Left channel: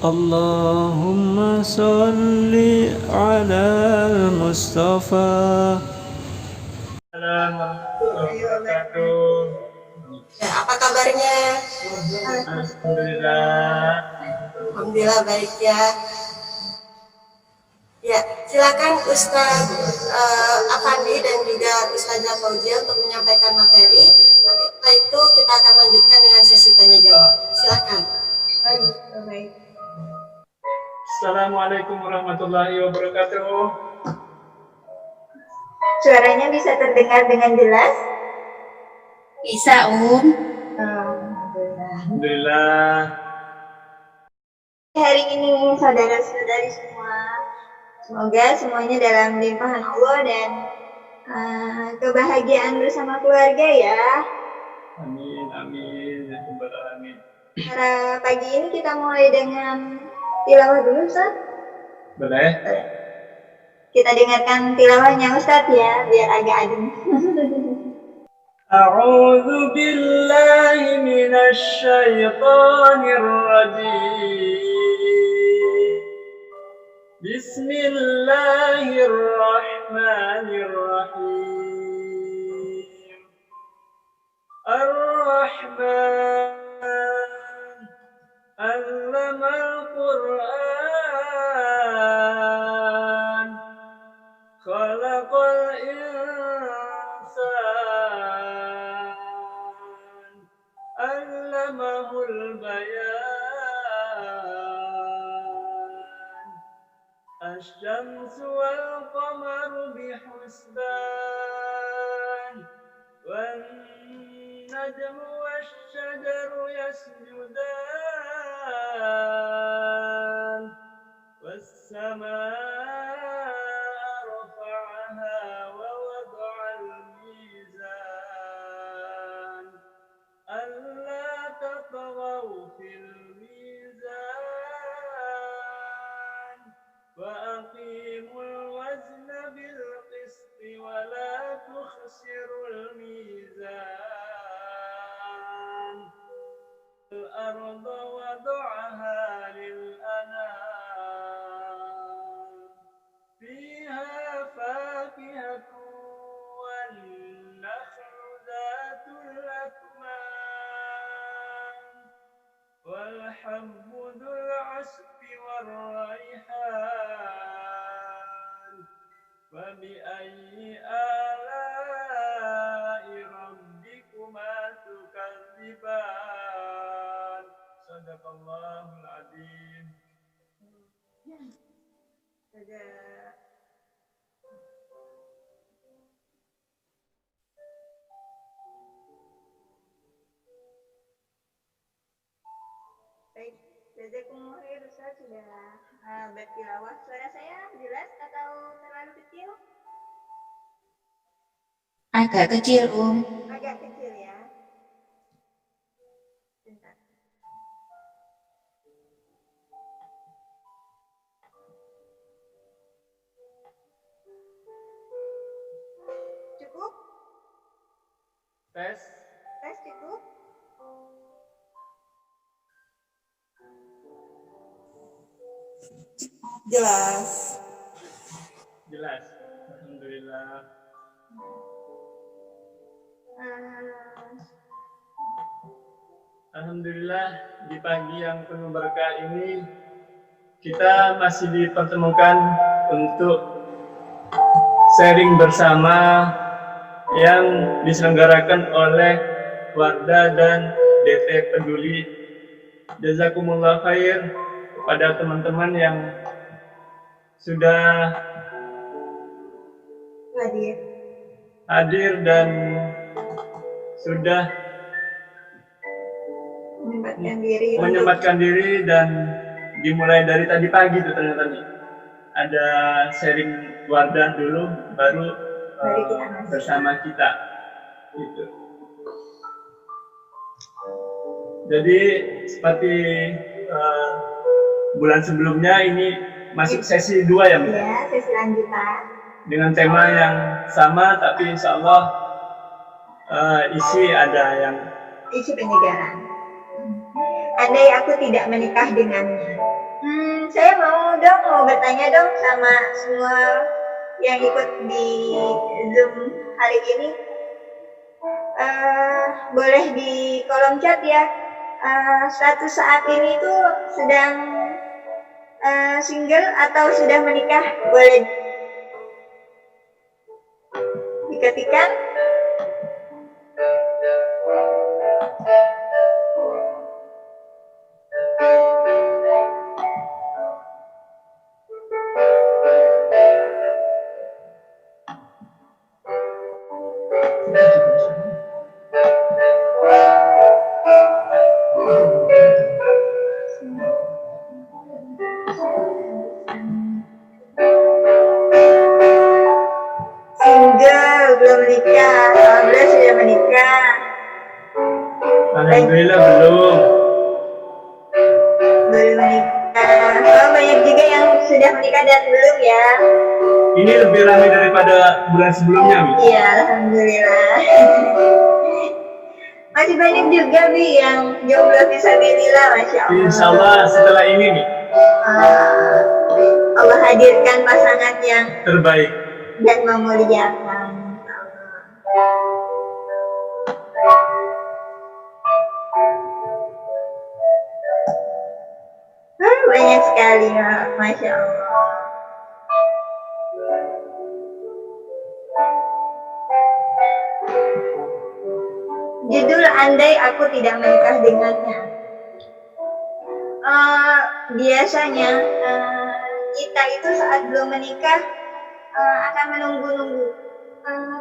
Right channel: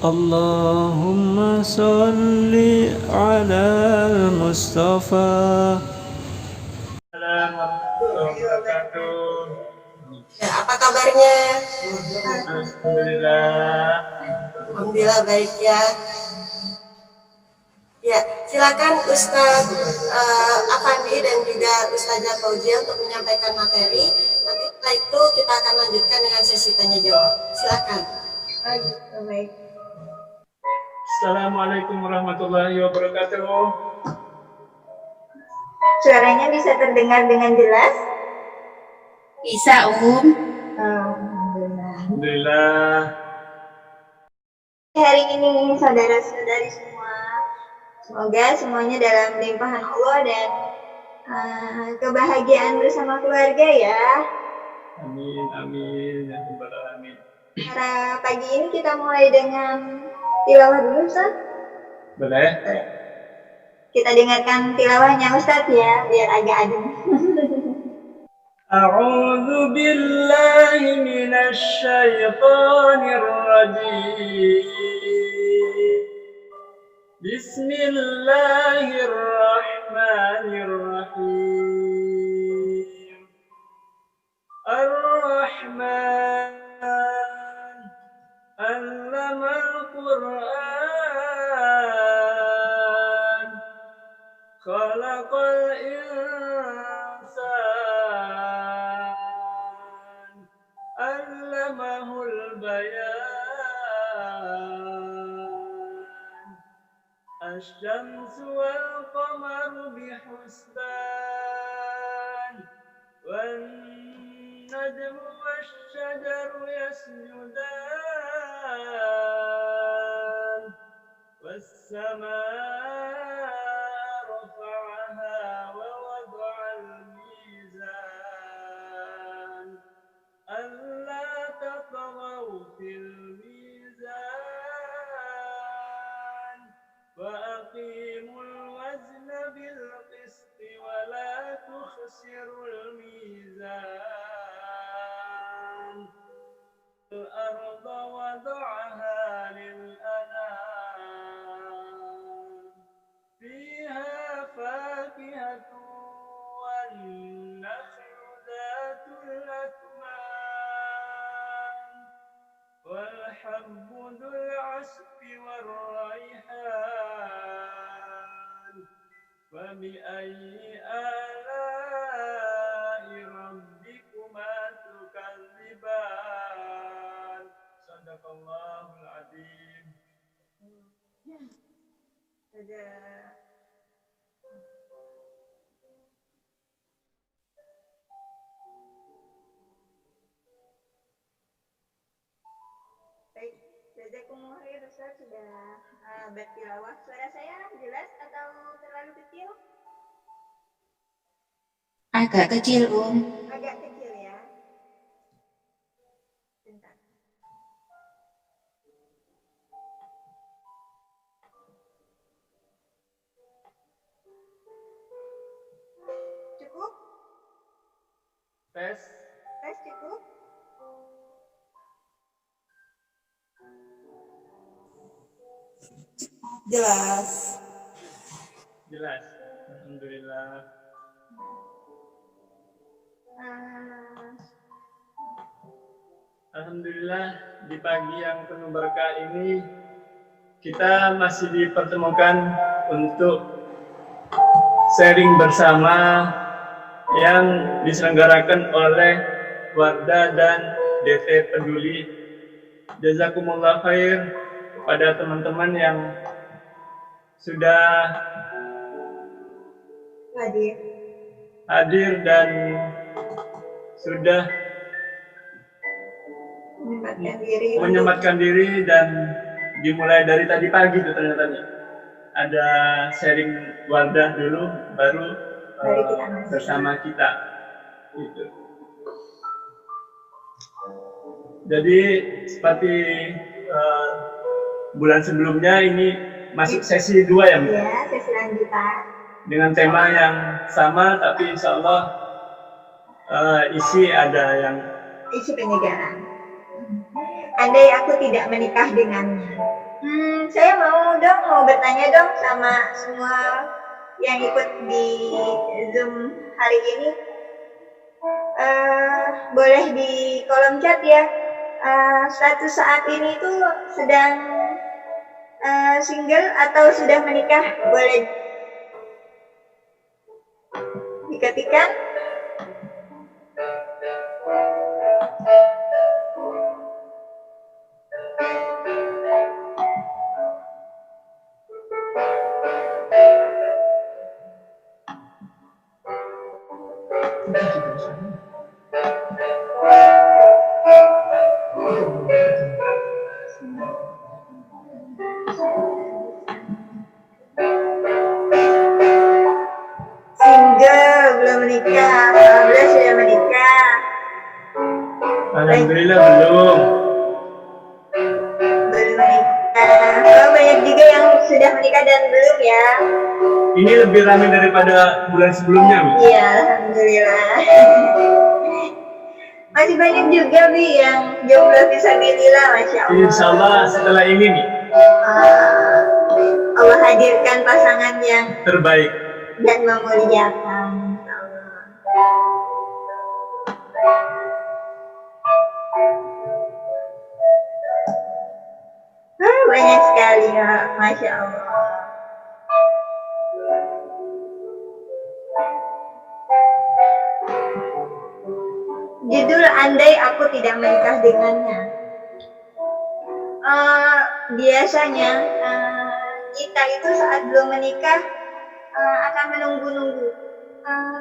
Allahumma salli ala Mustafa. Assalamualaikum warahmatullahi wabarakatuh. Ya, apa kabarnya? Alhamdulillah. Alhamdulillah baik ya. Ya, silakan Ustadz Afandi dan juga Ustazah Fauzia untuk menyampaikan materi. Nanti setelah itu kita akan lanjutkan dengan sesi tanya jawab. Silakan. Baik. Assalamualaikum warahmatullahi wabarakatuh. Suaranya bisa terdengar dengan jelas? Bisa, Alhamdulillah. Alhamdulillah. Hari ini saudara-saudari semua, semoga semuanya dalam limpahan Allah dan kebahagiaan bersama keluarga ya. Amin, amin, ya rabbal alamin. Para pagi ini kita mulai dengan tilawah dulu, Ustaz. Boleh? Kita dengarkan tilawahnya Ustaz ya, biar agak adem. A'udzu billahi minasy syaithanir rajim. Bismillahirrahmanirrahim. Ar-Rahman 'allamal Qur'an. Khalaqal insan. 'Allamahul bayan. Asy-syamsu wal qamaru bihusban. Wan najmu wasy-syajaru yasjudan. Was-samaa'a rafa'aha wa wada'al mizan. Alla tatghaw fil mizan. Wa aqimul wazna bil qisti wa la tukhsirul mizan. Al-arda wada'aha lil anam. Fiha fakihatun wan nakhlu dhatul akmam. Wal habbu dhul 'asfi war rayhan. Wa bi ayyi ala'i rabbikuma tukadziban. Shadaqallahul 'adzim. Baik, jazakumullah khair Ustaz sudah bertilawah. Suara saya jelas atau terlalu kecil? agak kecil, Agak kecil ya. Bentar. Cukup? Tes. Tes cukup? Jelas. Jelas. Alhamdulillah. Alhamdulillah, di pagi yang penuh berkah ini kita masih dipertemukan untuk sharing bersama yang diselenggarakan oleh Wardah dan DT Peduli. Jazakumullah khair kepada teman-teman yang sudah hadir dan sudah menyempatkan diri dan dimulai dari tadi pagi tuh ternyata nih. Ada sharing Wardah dulu baru bersama kita gitu. Jadi seperti bulan sebelumnya ini masuk sesi 2 ya, Mbak? Ya, sesi lanjutan. Dengan tema yang sama tapi insya Allah isi ada yang isi penyegaran. Andai aku tidak menikah dengannya. Saya mau bertanya dong sama semua yang ikut di Zoom hari ini. Boleh di kolom chat ya. Status saat ini tuh sedang single atau sudah menikah? Boleh diketikkan. Single, belum menikah. Alhamdulillah sudah menikah. Alhamdulillah belum. Belum menikah. Oh, banyak juga yang sudah menikah dan belum ya. Ini lebih ramai daripada bulan sebelumnya, Mi. Iya, alhamdulillah. Masih banyak juga Bi yang jomblo fisabilillah, masya Allah. Insya Allah setelah ini nih Allah hadirkan pasangan yang terbaik. dan memuliakan. Insya Allah. Banyak sekali ya, masya Allah. Judul andai aku tidak menikah dengannya. Biasanya kita itu saat belum menikah akan menunggu-nunggu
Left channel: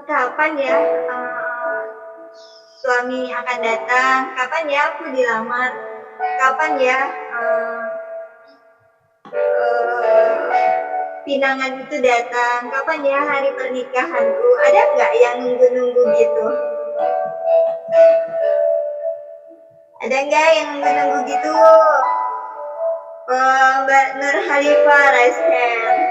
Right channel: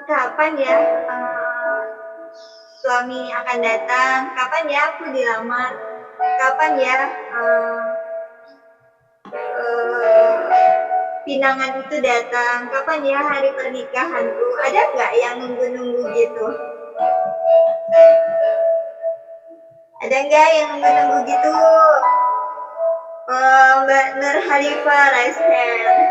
kapan ya suami akan datang, kapan ya aku dilamar, kapan ya pinangan itu datang, kapan ya hari pernikahanku. Ada nggak yang nunggu-nunggu gitu? Ada nggak yang nunggu-nunggu gitu? Mbak Nur Halifah, raise hand.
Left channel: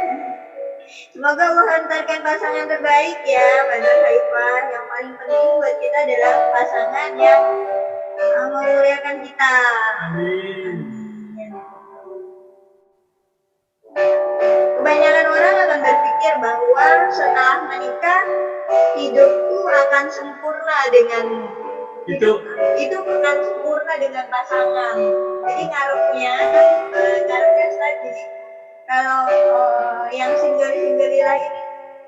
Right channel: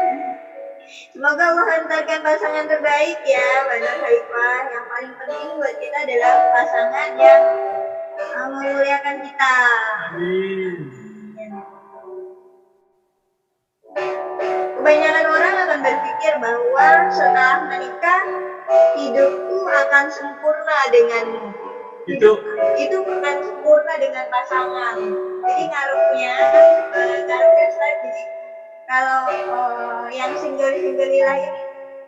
Semoga Allah hantarkan pasangan terbaik ya Mbak Nur Halifah. Yang paling penting buat kita adalah pasangan yang memuliakan kita. Amin. Kebanyakan orang akan berpikir bahwa setelah menikah hidupku akan sempurna denganmu. Itu bukan sempurna dengan pasangan. Jadi ngaruhnya tadi kalau yang single-singleilah ini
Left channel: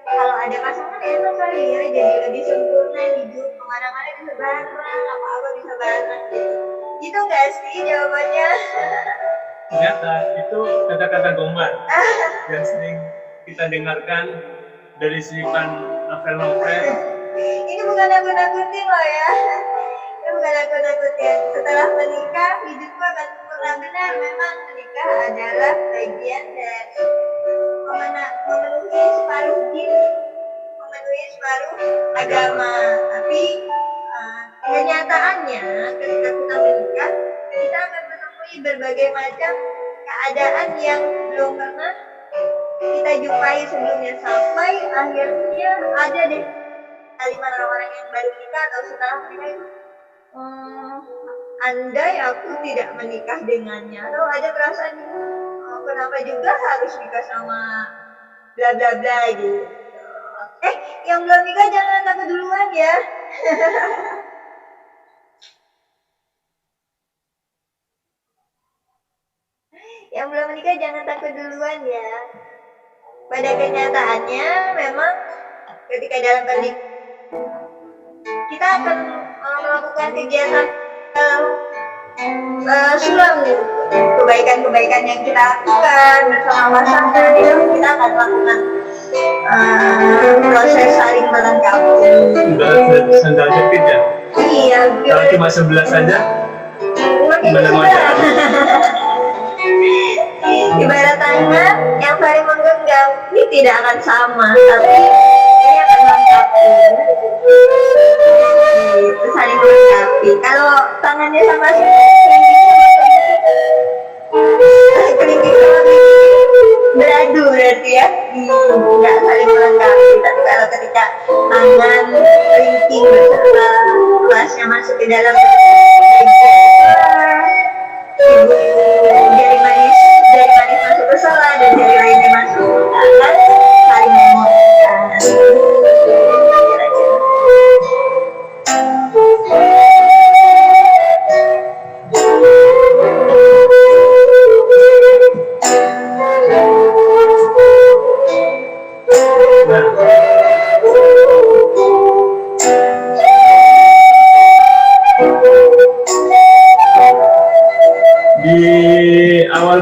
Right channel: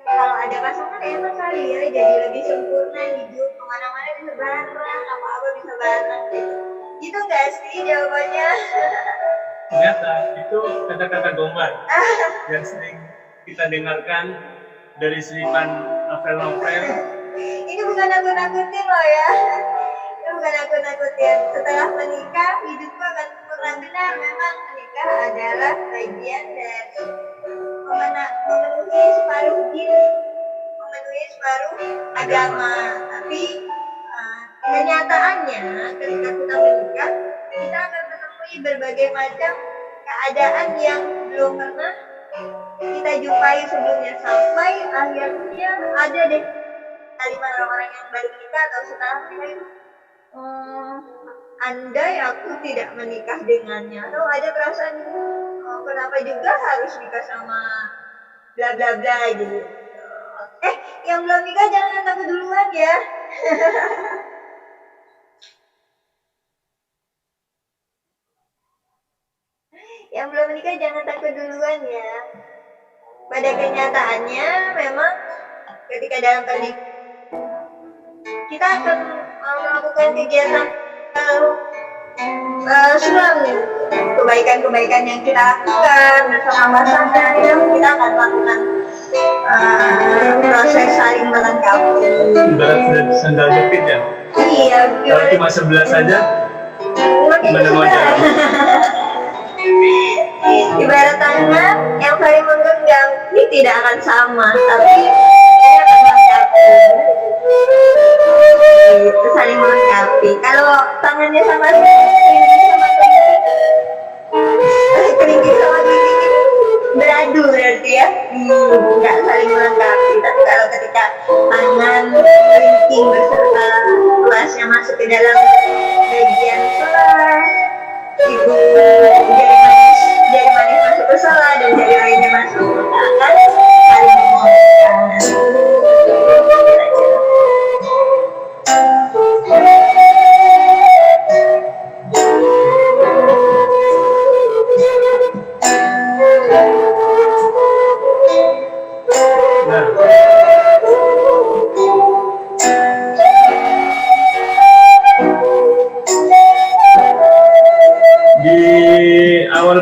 kalau ada pasangan enak kali ya, jadi lebih sempurna hidup, kemana-mana bisa bareng, apa-apa bisa bareng gitu. Gitu nggak sih jawabannya? Ternyata itu kata-kata gombal yang sering kita dengarkan dari selipan novel-novel. Ini bukan nakut-nakutin loh ya. Ini bukan nakut-nakutin. Setelah menikah hidupku akan sempurna. Benar, memang menikah adalah bagian dari memenuhi separuh din, memenuhi separuh agama. Tapi kenyataannya ketika kita menikah, kita akan menemui berbagai macam keadaan yang belum pernah kita jumpai sebelumnya, sampai akhirnya ada deh kalimat orang-orang yang baru menikah atau setelah menikah itu, andai aku tidak menikah dengannya, atau ada perasaan kenapa juga harus nikah sama bla bla bla gitu. Yang belum nikah jangan takut duluan ya. Yang belum menikah jangan takut duluan ya. Pada kenyataannya memang ketika dalam pernikahan kita akan melakukan kegiatan sulam, kebaikan-kebaikan yang kita lakukan bersama pasangan, ya, kita akan melakukan proses saling melengkapi. Ibarat sandal jepit ya. Iya. Kalau cuma sebelah saja, gimana mau jalan? Ibarat tangan yang saling menggenggam, ini tidak akan sama, tapi ini akan melengkapi. Itu saling melengkapi. Kalau tangannya sama kelingking sama kelingking beradu berarti ya, nggak saling melengkapi. Tapi kalau ketika tangan kelingking beserta tulasnya masuk ke dalam bagian ibu jari manis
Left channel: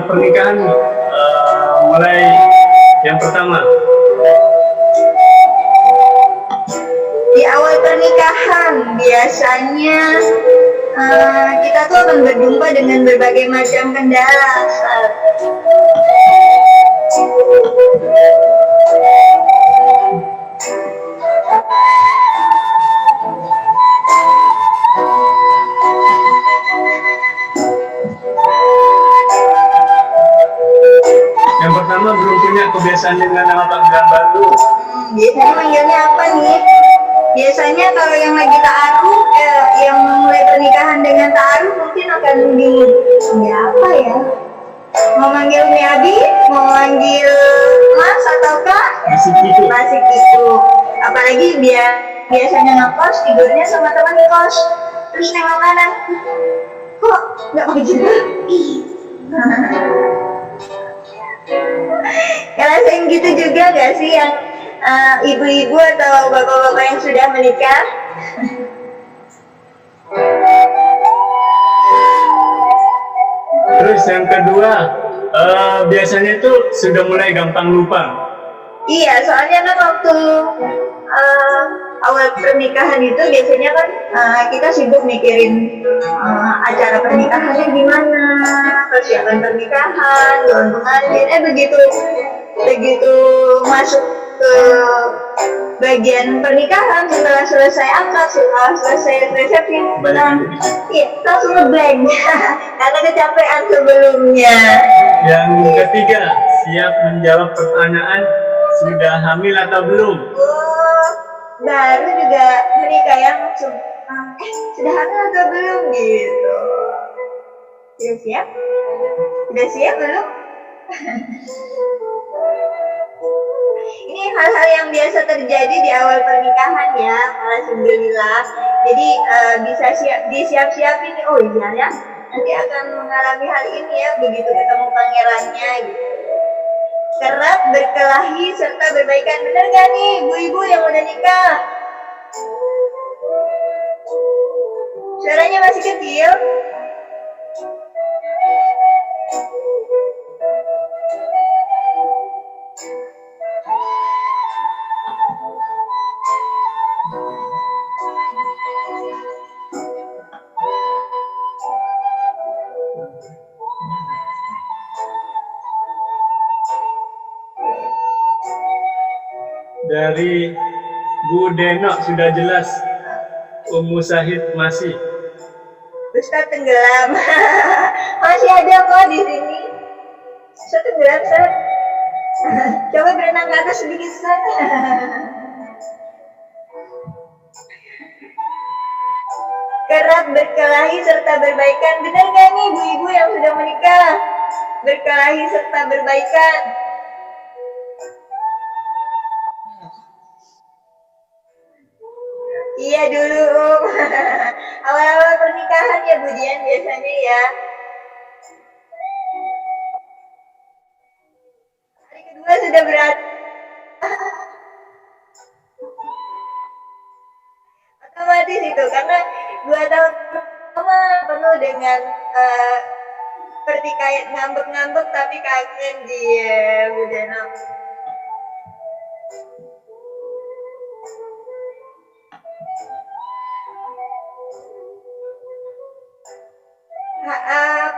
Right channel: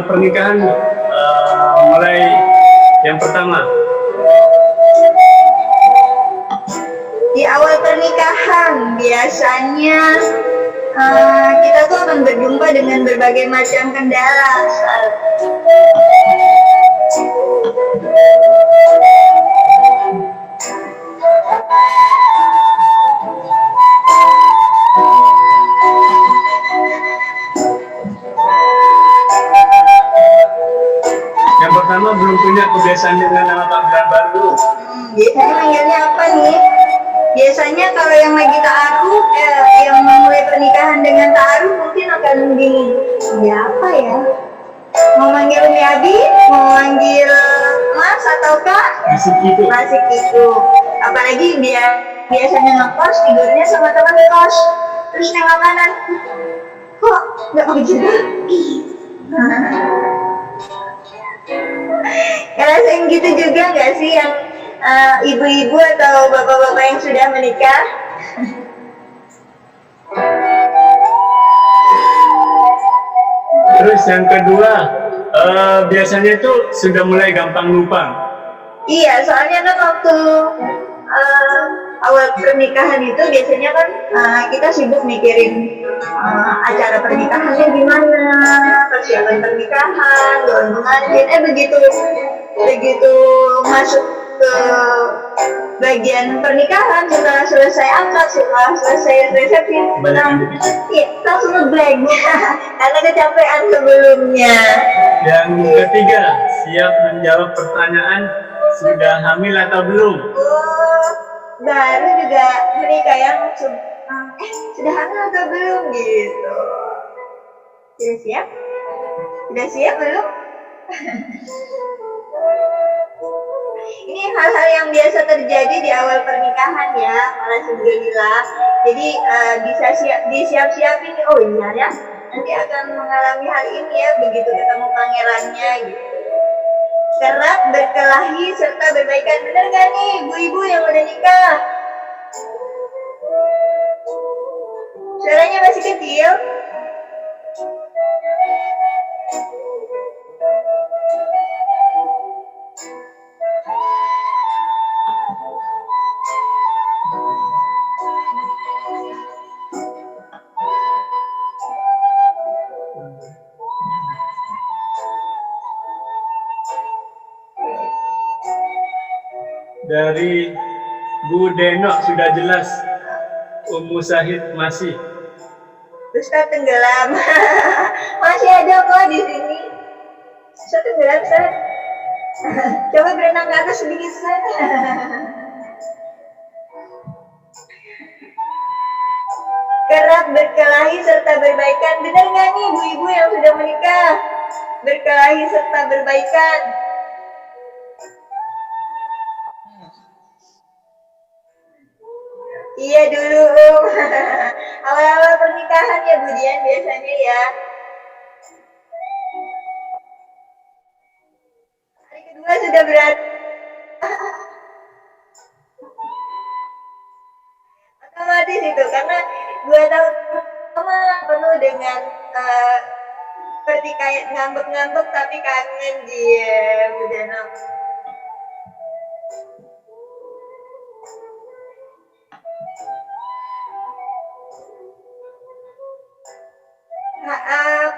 pernikahan mulai yang pertama. Di awal pernikahan biasanya kita tuh akan berjumpa dengan berbagai macam kendala. Yang pertama, belum punya kebiasaan dengan nama panggilan baru. Biasanya manggilnya apa nih? Biasanya kalau yang lagi ta'aruf, yang memulai pernikahan dengan ta'aruf mungkin akan bingung. Ya apa ya? Mau manggil Umi Abi? Mau manggil Mas atau Kak? Masih gitu. Masih gitu. Apalagi biasanya ngekos, tidurnya sama teman kos. Terus nengok kanan. Kok nggak mau juga? Ngerasain gitu juga nggak sih yang ibu-ibu atau bapak-bapak yang sudah menikah? Terus yang kedua, biasanya itu sudah mulai gampang lupa. Iya, soalnya kan waktu awal pernikahan itu biasanya kan kita sibuk mikirin acara pernikahannya gimana, persiapan pernikahan, gaun pengantin. Begitu masuk ke bagian pernikahan, setelah selesai akad, setelah selesai resepsi, iya, langsung ngeblank karena kecapean sebelumnya. Yang ketiga, siap menjawab pertanyaan sudah hamil atau belum? Baru juga menikah ya langsung sudah hamil atau belum gitu. Sudah siap belum? Ini hal-hal yang biasa terjadi di awal pernikahan ya, alhamdulillah. Jadi bisa disiap-siapin nih. Oh iya ya, nanti akan mengalami hal ini ya begitu ketemu pangerannya gitu. Kerap berkelahi serta berbaikan. Bener gak nih ibu-ibu yang udah nikah? Suaranya masih kecil. Dari Bu Denok sudah jelas, Ummu Syahid masih. Ustaz tenggelam. Masih ada kok di sini. Ustaz tenggelam, Ustaz. Coba berenang ke atas sedikit, Ustaz. Kerap berkelahi serta berbaikan. Benar nggak nih ibu-ibu yang sudah menikah? Berkelahi serta berbaikan. Iya dulu, awal-awal pernikahan ya Bu Dian biasanya ya. Hari kedua sudah berat. Otomatis itu karena 2 tahun pertama penuh dengan pertikaian, ngambek-ngambek tapi kangen dia Bu Denok.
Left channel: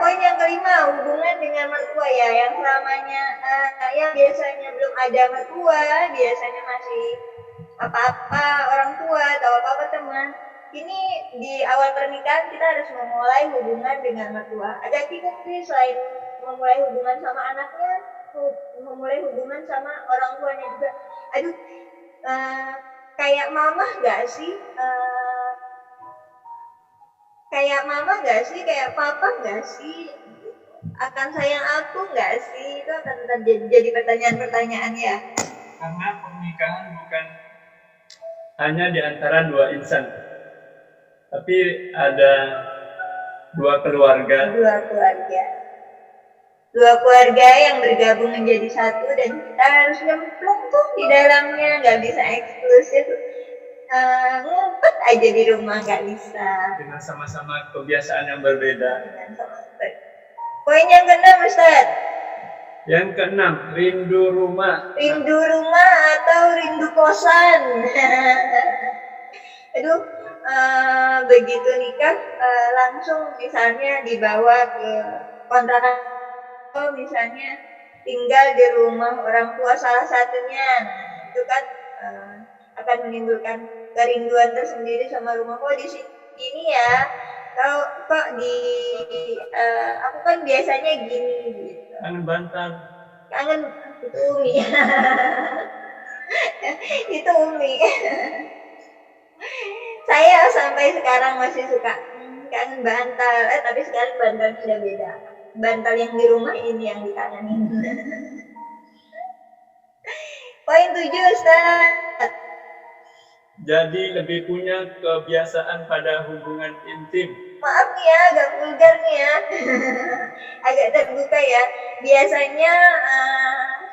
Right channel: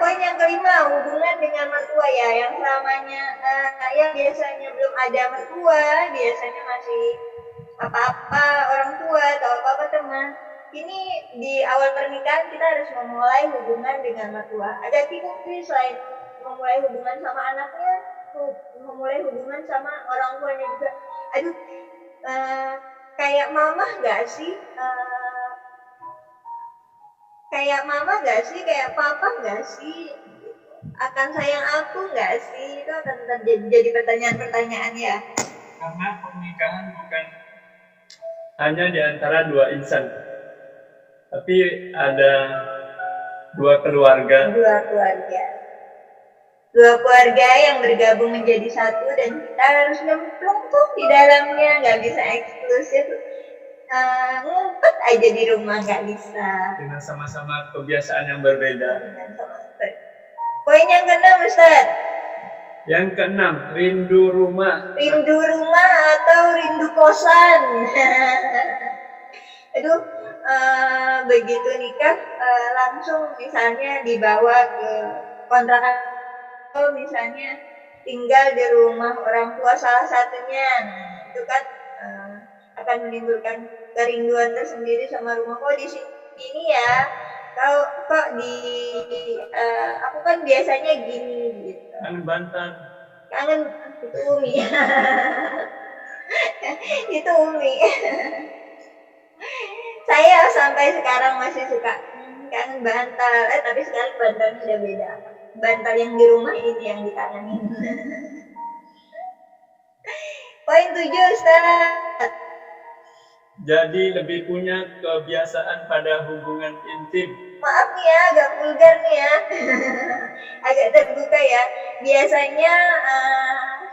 Poin yang kelima, hubungan dengan mertua ya, yang selamanya yang biasanya belum ada mertua, biasanya masih apa-apa orang tua atau apa-apa teman. Ini di awal pernikahan kita harus memulai hubungan dengan mertua. Agak bingung sih, selain memulai hubungan sama anaknya, memulai hubungan sama orang tuanya juga. Aduh, kayak mama nggak sih? Kayak mama nggak sih, kayak papa nggak sih, akan sayang aku nggak sih, itu akan tetap jadi pertanyaan-pertanyaan ya. Karena pernikahan bukan hanya di antara 2 insan, tapi ada 2 keluarga. 2 keluarga yang bergabung menjadi satu dan kita harus nyemplung tuh di dalamnya, nggak bisa eksklusif. Ngumpet aja di rumah nggak bisa. Dengan sama-sama kebiasaan yang berbeda. Poin yang keenam, Ustaz. Yang keenam, rindu rumah. Rindu rumah atau rindu kosan. Aduh, begitu nikah langsung misalnya dibawa ke kontrakan, atau misalnya tinggal di rumah orang tua salah satunya. Nah, itu kan akan menimbulkan kerinduan tersendiri sama rumah. Kok di sini ya, kok di aku kan biasanya gini gitu. Kangen bantal. Kangen itu Umi. Itu Umi. Saya sampai sekarang masih suka kangen bantal. Tapi sekarang bantalnya udah beda. Bantal yang di rumah ini yang dikangenin. Poin 7, Ustaz. Jadi lebih punya kebiasaan pada hubungan intim. Maaf nih ya, agak vulgar nih ya. Agak terbuka ya. Biasanya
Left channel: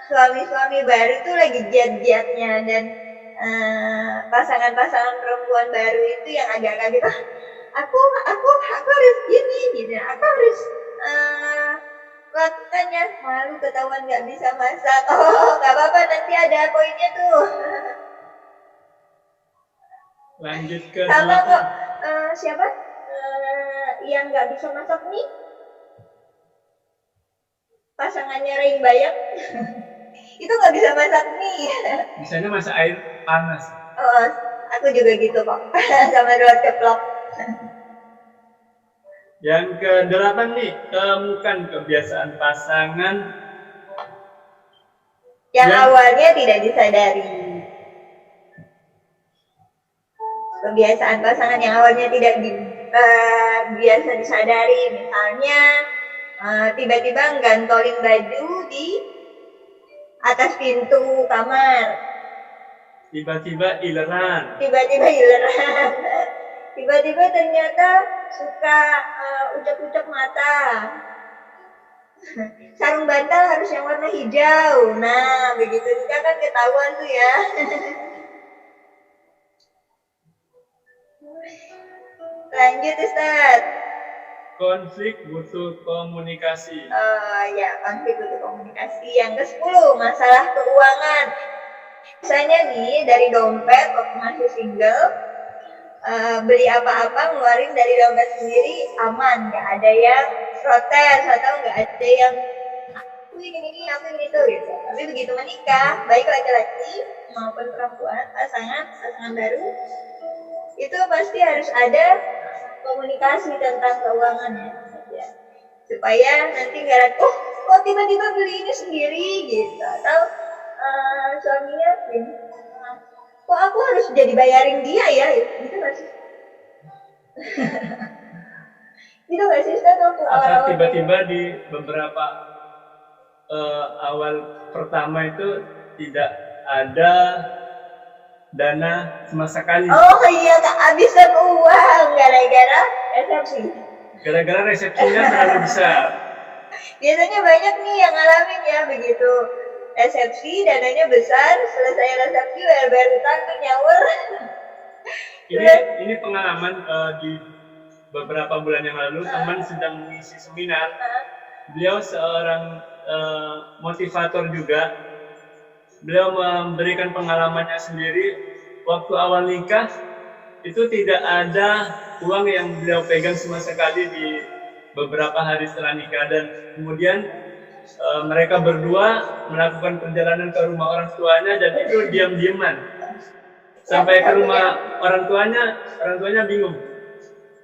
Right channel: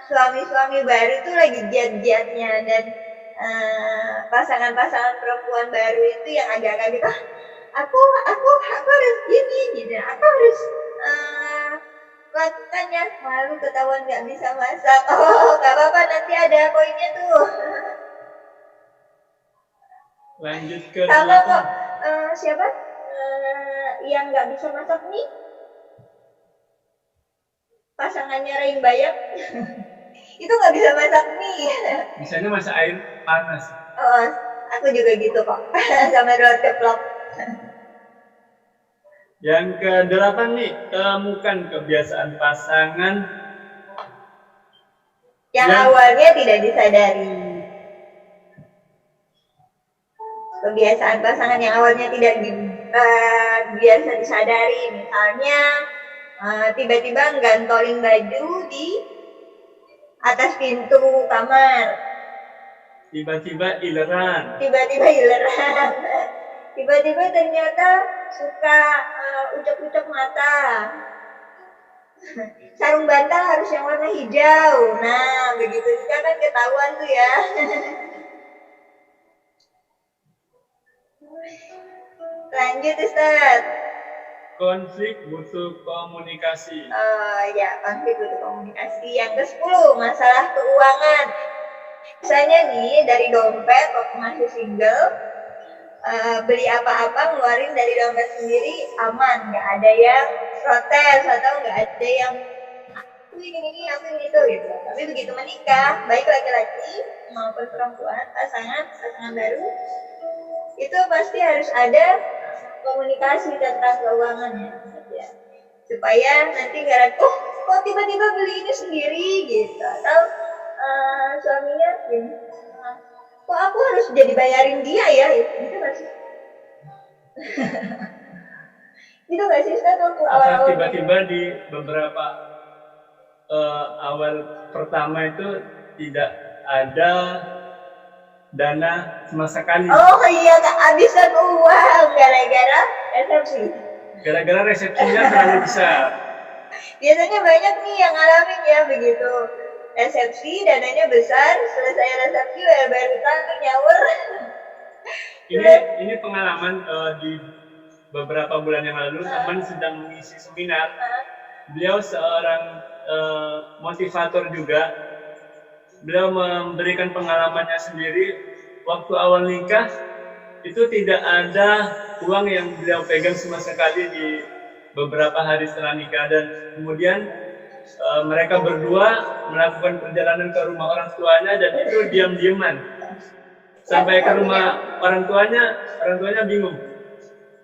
suami-suami baru itu lagi giat-giatnya, dan pasangan-pasangan perempuan baru itu yang agak-agak gitu. Aku harus gini gitu. Aku harus lakukannya. Malu ketahuan nggak bisa masak. Oh, nggak apa-apa, nanti ada poinnya tuh. Lanjut ke sama 8. kok siapa yang nggak bisa masak nih, pasangannya Rain Bayang. Itu nggak bisa masak nih. Misalnya masak air panas. Oh, aku juga gitu kok. Sama telur ceplok. Yang ke-8 nih, temukan kebiasaan pasangan yang awalnya tidak disadari. Kebiasaan pasangan yang awalnya tidak biasa disadari, misalnya tiba-tiba gantolin baju di atas pintu kamar, tiba-tiba ileran, tiba-tiba ternyata suka ucap-ucap mata. Sarung bantal harus yang warna hijau. Nah, begitu juga kan ketahuan tuh ya. Lanjut, Ustaz. konflik butuh komunikasi. Ya, konflik butuh komunikasi. Yang ke-10, masalah keuangan. Misalnya nih, dari dompet waktu masih single, beli apa-apa ngeluarin dari dompet sendiri aman, nggak ada yang protes atau nggak ada yang aku ingin ini, aku ingin itu gitu. Tapi begitu menikah, baik laki-laki maupun perempuan, pasangan baru, itu pasti harus ada komunikasi tentang keuangan ya, supaya nanti nggak kok tiba-tiba beli ini sendiri gitu, atau suaminya kok aku harus jadi bayarin dia ya, gitu nggak sih? Gitu nggak sih, Ustaz? Waktu awal-awal tiba-tiba di beberapa awal pertama itu tidak ada dana sama sekali. Oh iya, kehabisan uang gara-gara resepsi. Gara-gara resepsinya terlalu besar. Biasanya banyak nih yang ngalamin ya begitu. Resepsi dananya besar, selesai resepsi bayar utang nyaur. Ini pengalaman di beberapa bulan yang lalu, teman sedang mengisi seminar. Beliau seorang motivator juga. Beliau memberikan pengalamannya sendiri. Waktu awal nikah itu tidak ada uang yang beliau pegang sama sekali di beberapa hari setelah nikah, dan kemudian mereka berdua melakukan perjalanan ke rumah orang tuanya, dan itu diam-diaman sampai ke rumah orang tuanya bingung.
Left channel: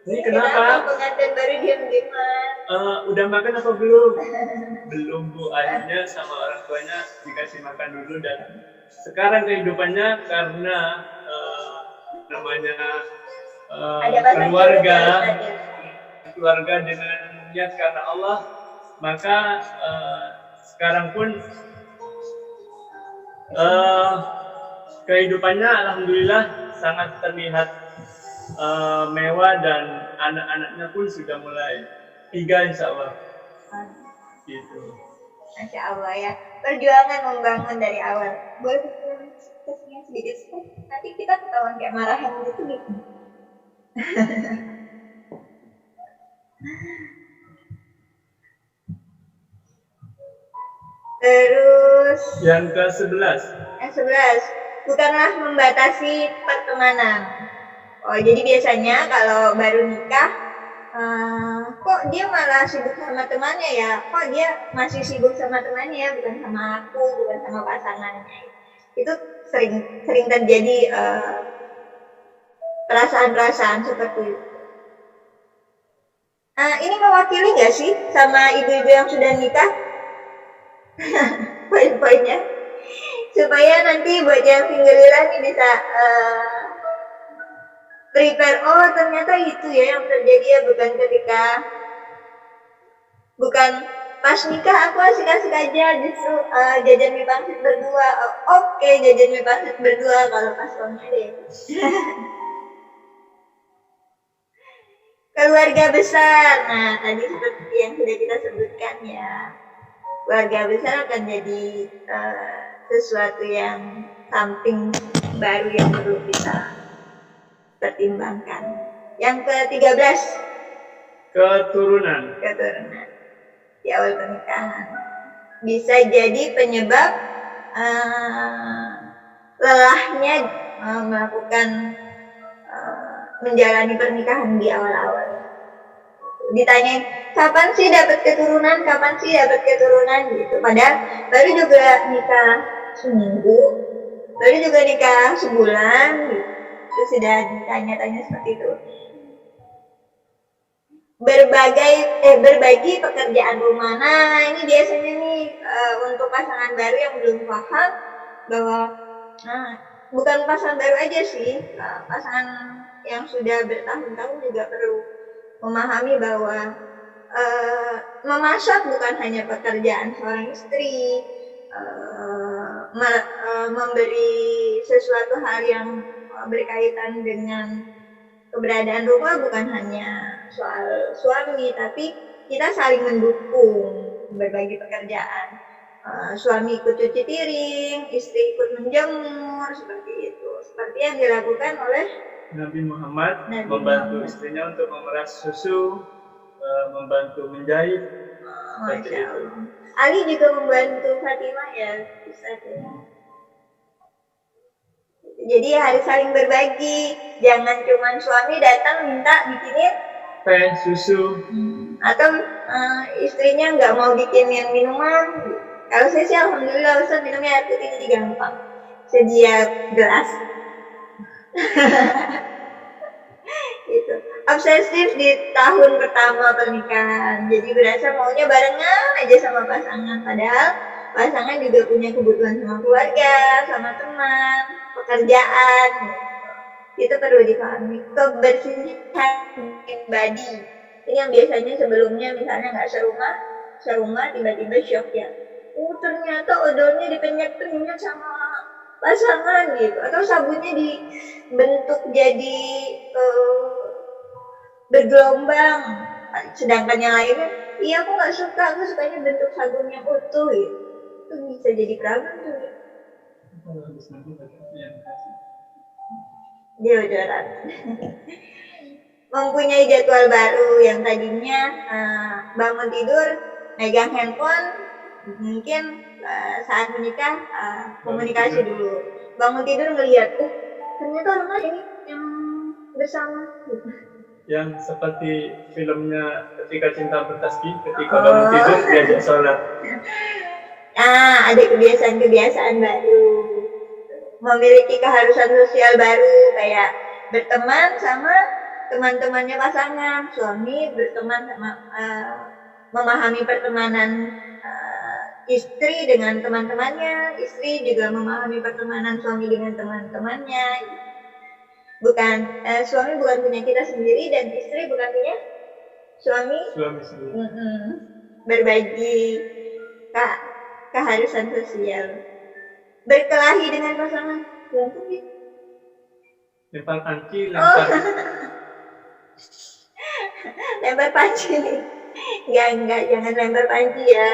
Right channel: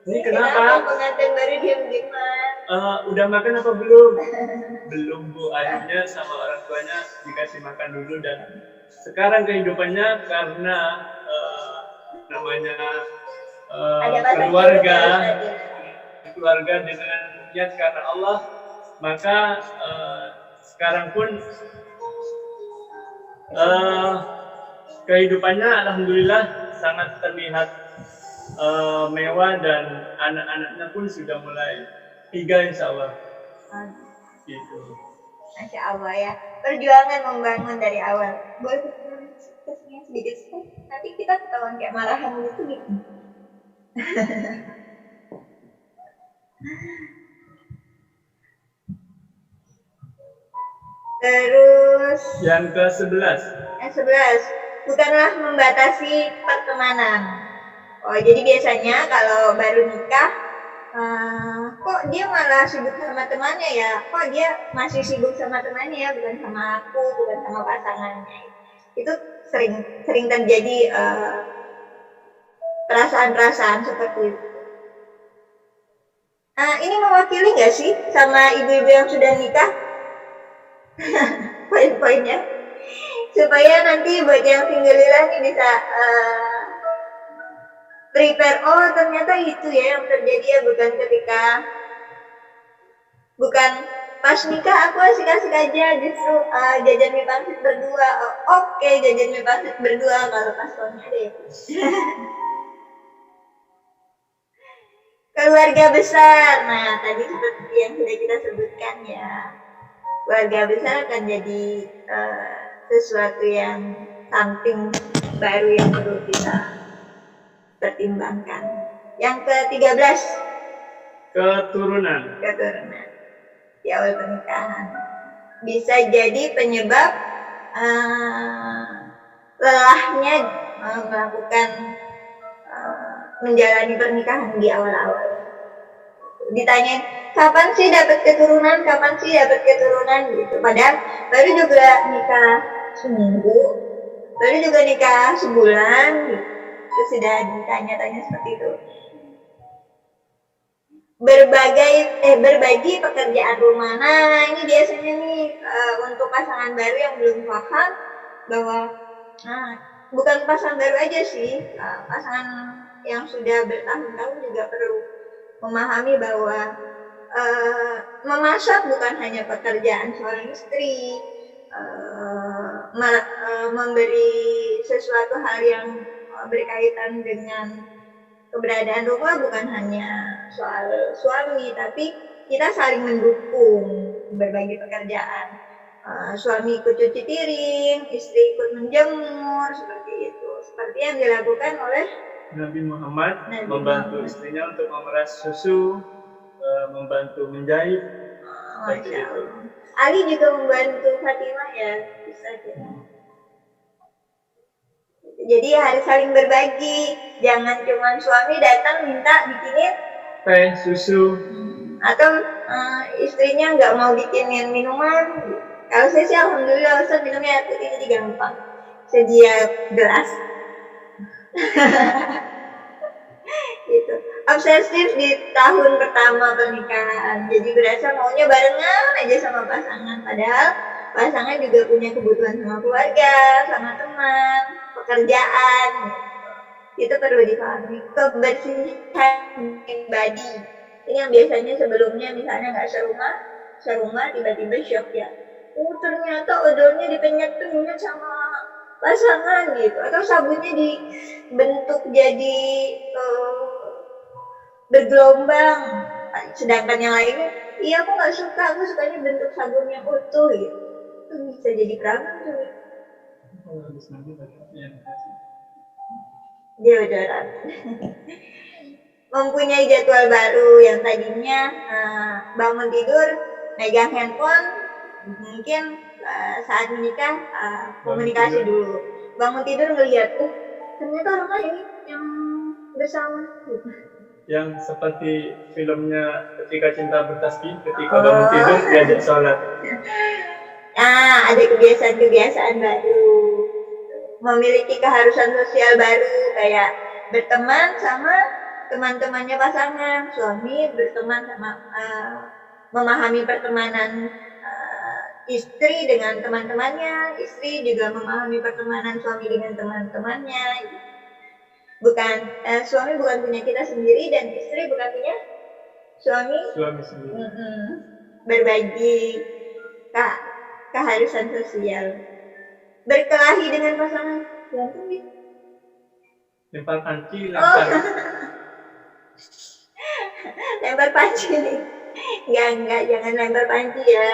Ini kenapa pengantin baru diam-diaman? Udah makan apa belum? Belum, Bu. Akhirnya sama orang tuanya dikasih makan dulu, dan sekarang kehidupannya karena namanya keluarga dengan niat karena Allah, maka sekarang pun kehidupannya alhamdulillah sangat terlihat mewah, dan anak-anaknya pun sudah mulai 3 insya Allah. Gitu. Masya Allah ya, perjuangan membangun dari awal. Boleh kesini sedikit, nanti kita ketahuan kayak marahan gitu. Terus yang ke-11. yang 11, bukanlah membatasi pertemanan. Oh, jadi biasanya kalau baru nikah, kok dia malah sibuk sama temannya ya? Kok dia masih sibuk sama temannya ya, bukan sama aku, bukan sama pasangannya. Itu sering terjadi perasaan-perasaan seperti itu. Ini mewakili nggak sih sama ibu-ibu yang sudah nikah? Poin-poinnya supaya nanti buat yang single nih bisa prepare, oh ternyata itu ya yang terjadi ya, bukan pas nikah aku asik-asik aja, justru jajan mie pangsit berdua. Oke, jajan mie pangsit berdua kalau pas suami ada ya. Keluarga besar, nah tadi seperti yang sudah kita sebutkan ya, keluarga besar akan jadi sesuatu yang something baru yang perlu kita pertimbangkan. Yang ke-13, keturunan. Di awal pernikahan bisa jadi penyebab lelahnya melakukan menjalani pernikahan di awal-awal. Ditanyain, kapan sih dapat keturunan gitu. Padahal baru juga nikah seminggu, baru juga nikah sebulan gitu. Terus sudah ditanya-tanya seperti itu. Berbagi pekerjaan rumah. Nah, ini biasanya nih untuk pasangan baru yang belum paham bahwa bukan pasangan baru aja sih, pasangan yang sudah bertahun-tahun juga perlu memahami bahwa memasak bukan hanya pekerjaan seorang istri, memberi sesuatu hal yang berkaitan dengan keberadaan rumah bukan hanya soal suami, tapi kita saling mendukung, berbagi pekerjaan. Suami ikut cuci piring, istri ikut menjemur, seperti itu. Seperti yang dilakukan oleh Nabi Muhammad membantu istrinya untuk memeras susu, membantu menjahit. Masya Allah. Ali juga membantu Fatimah ya, Ustaz ya. Jadi harus saling berbagi, jangan cuma suami datang minta bikinin teh, susu, atau istrinya nggak mau bikinin minuman. Kalau saya sih alhamdulillah Ustaz minumnya air putih jadi gampang, sedia gelas. Gitu. Obsesif di tahun pertama pernikahan, jadi berasa maunya barengan aja sama pasangan, padahal pasangan juga punya kebutuhan sama keluarga, sama teman, pekerjaan. Itu perlu dipahami. Kebersihan pribadi ini yang biasanya sebelumnya misalnya nggak serumah tiba-tiba shock ya, ternyata odolnya dipenyet-penyet sama pasangan gitu, atau sabunnya dibentuk jadi bergelombang, sedangkan yang lainnya iya aku nggak suka, aku sukanya bentuk sabun yang utuh gitu. Itu bisa jadi problem tuh ya. Dia bocoran. Mempunyai jadwal baru yang tadinya bangun tidur megang handphone, mungkin saat menikah komunikasi dulu, bangun tidur ngelihat ternyata orang lain yang bersama gitu. Yang seperti filmnya Ketika Cinta Bertasbih, ketika bangun tidur diajak sholat. Ada kebiasaan-kebiasaan baru, memiliki keharusan sosial baru, kayak berteman sama teman-temannya pasangan, suami berteman sama memahami pertemanan istri dengan teman-temannya, istri juga memahami pertemanan suami dengan teman-temannya. Suami bukan punya kita sendiri dan istri bukan punya suami sendiri. Berbagi keharusan sosial. Berkelahi dengan pasangan, berantem gitu. Lempar panci, lempar. Lempar panci. Enggak, jangan lempar panci ya.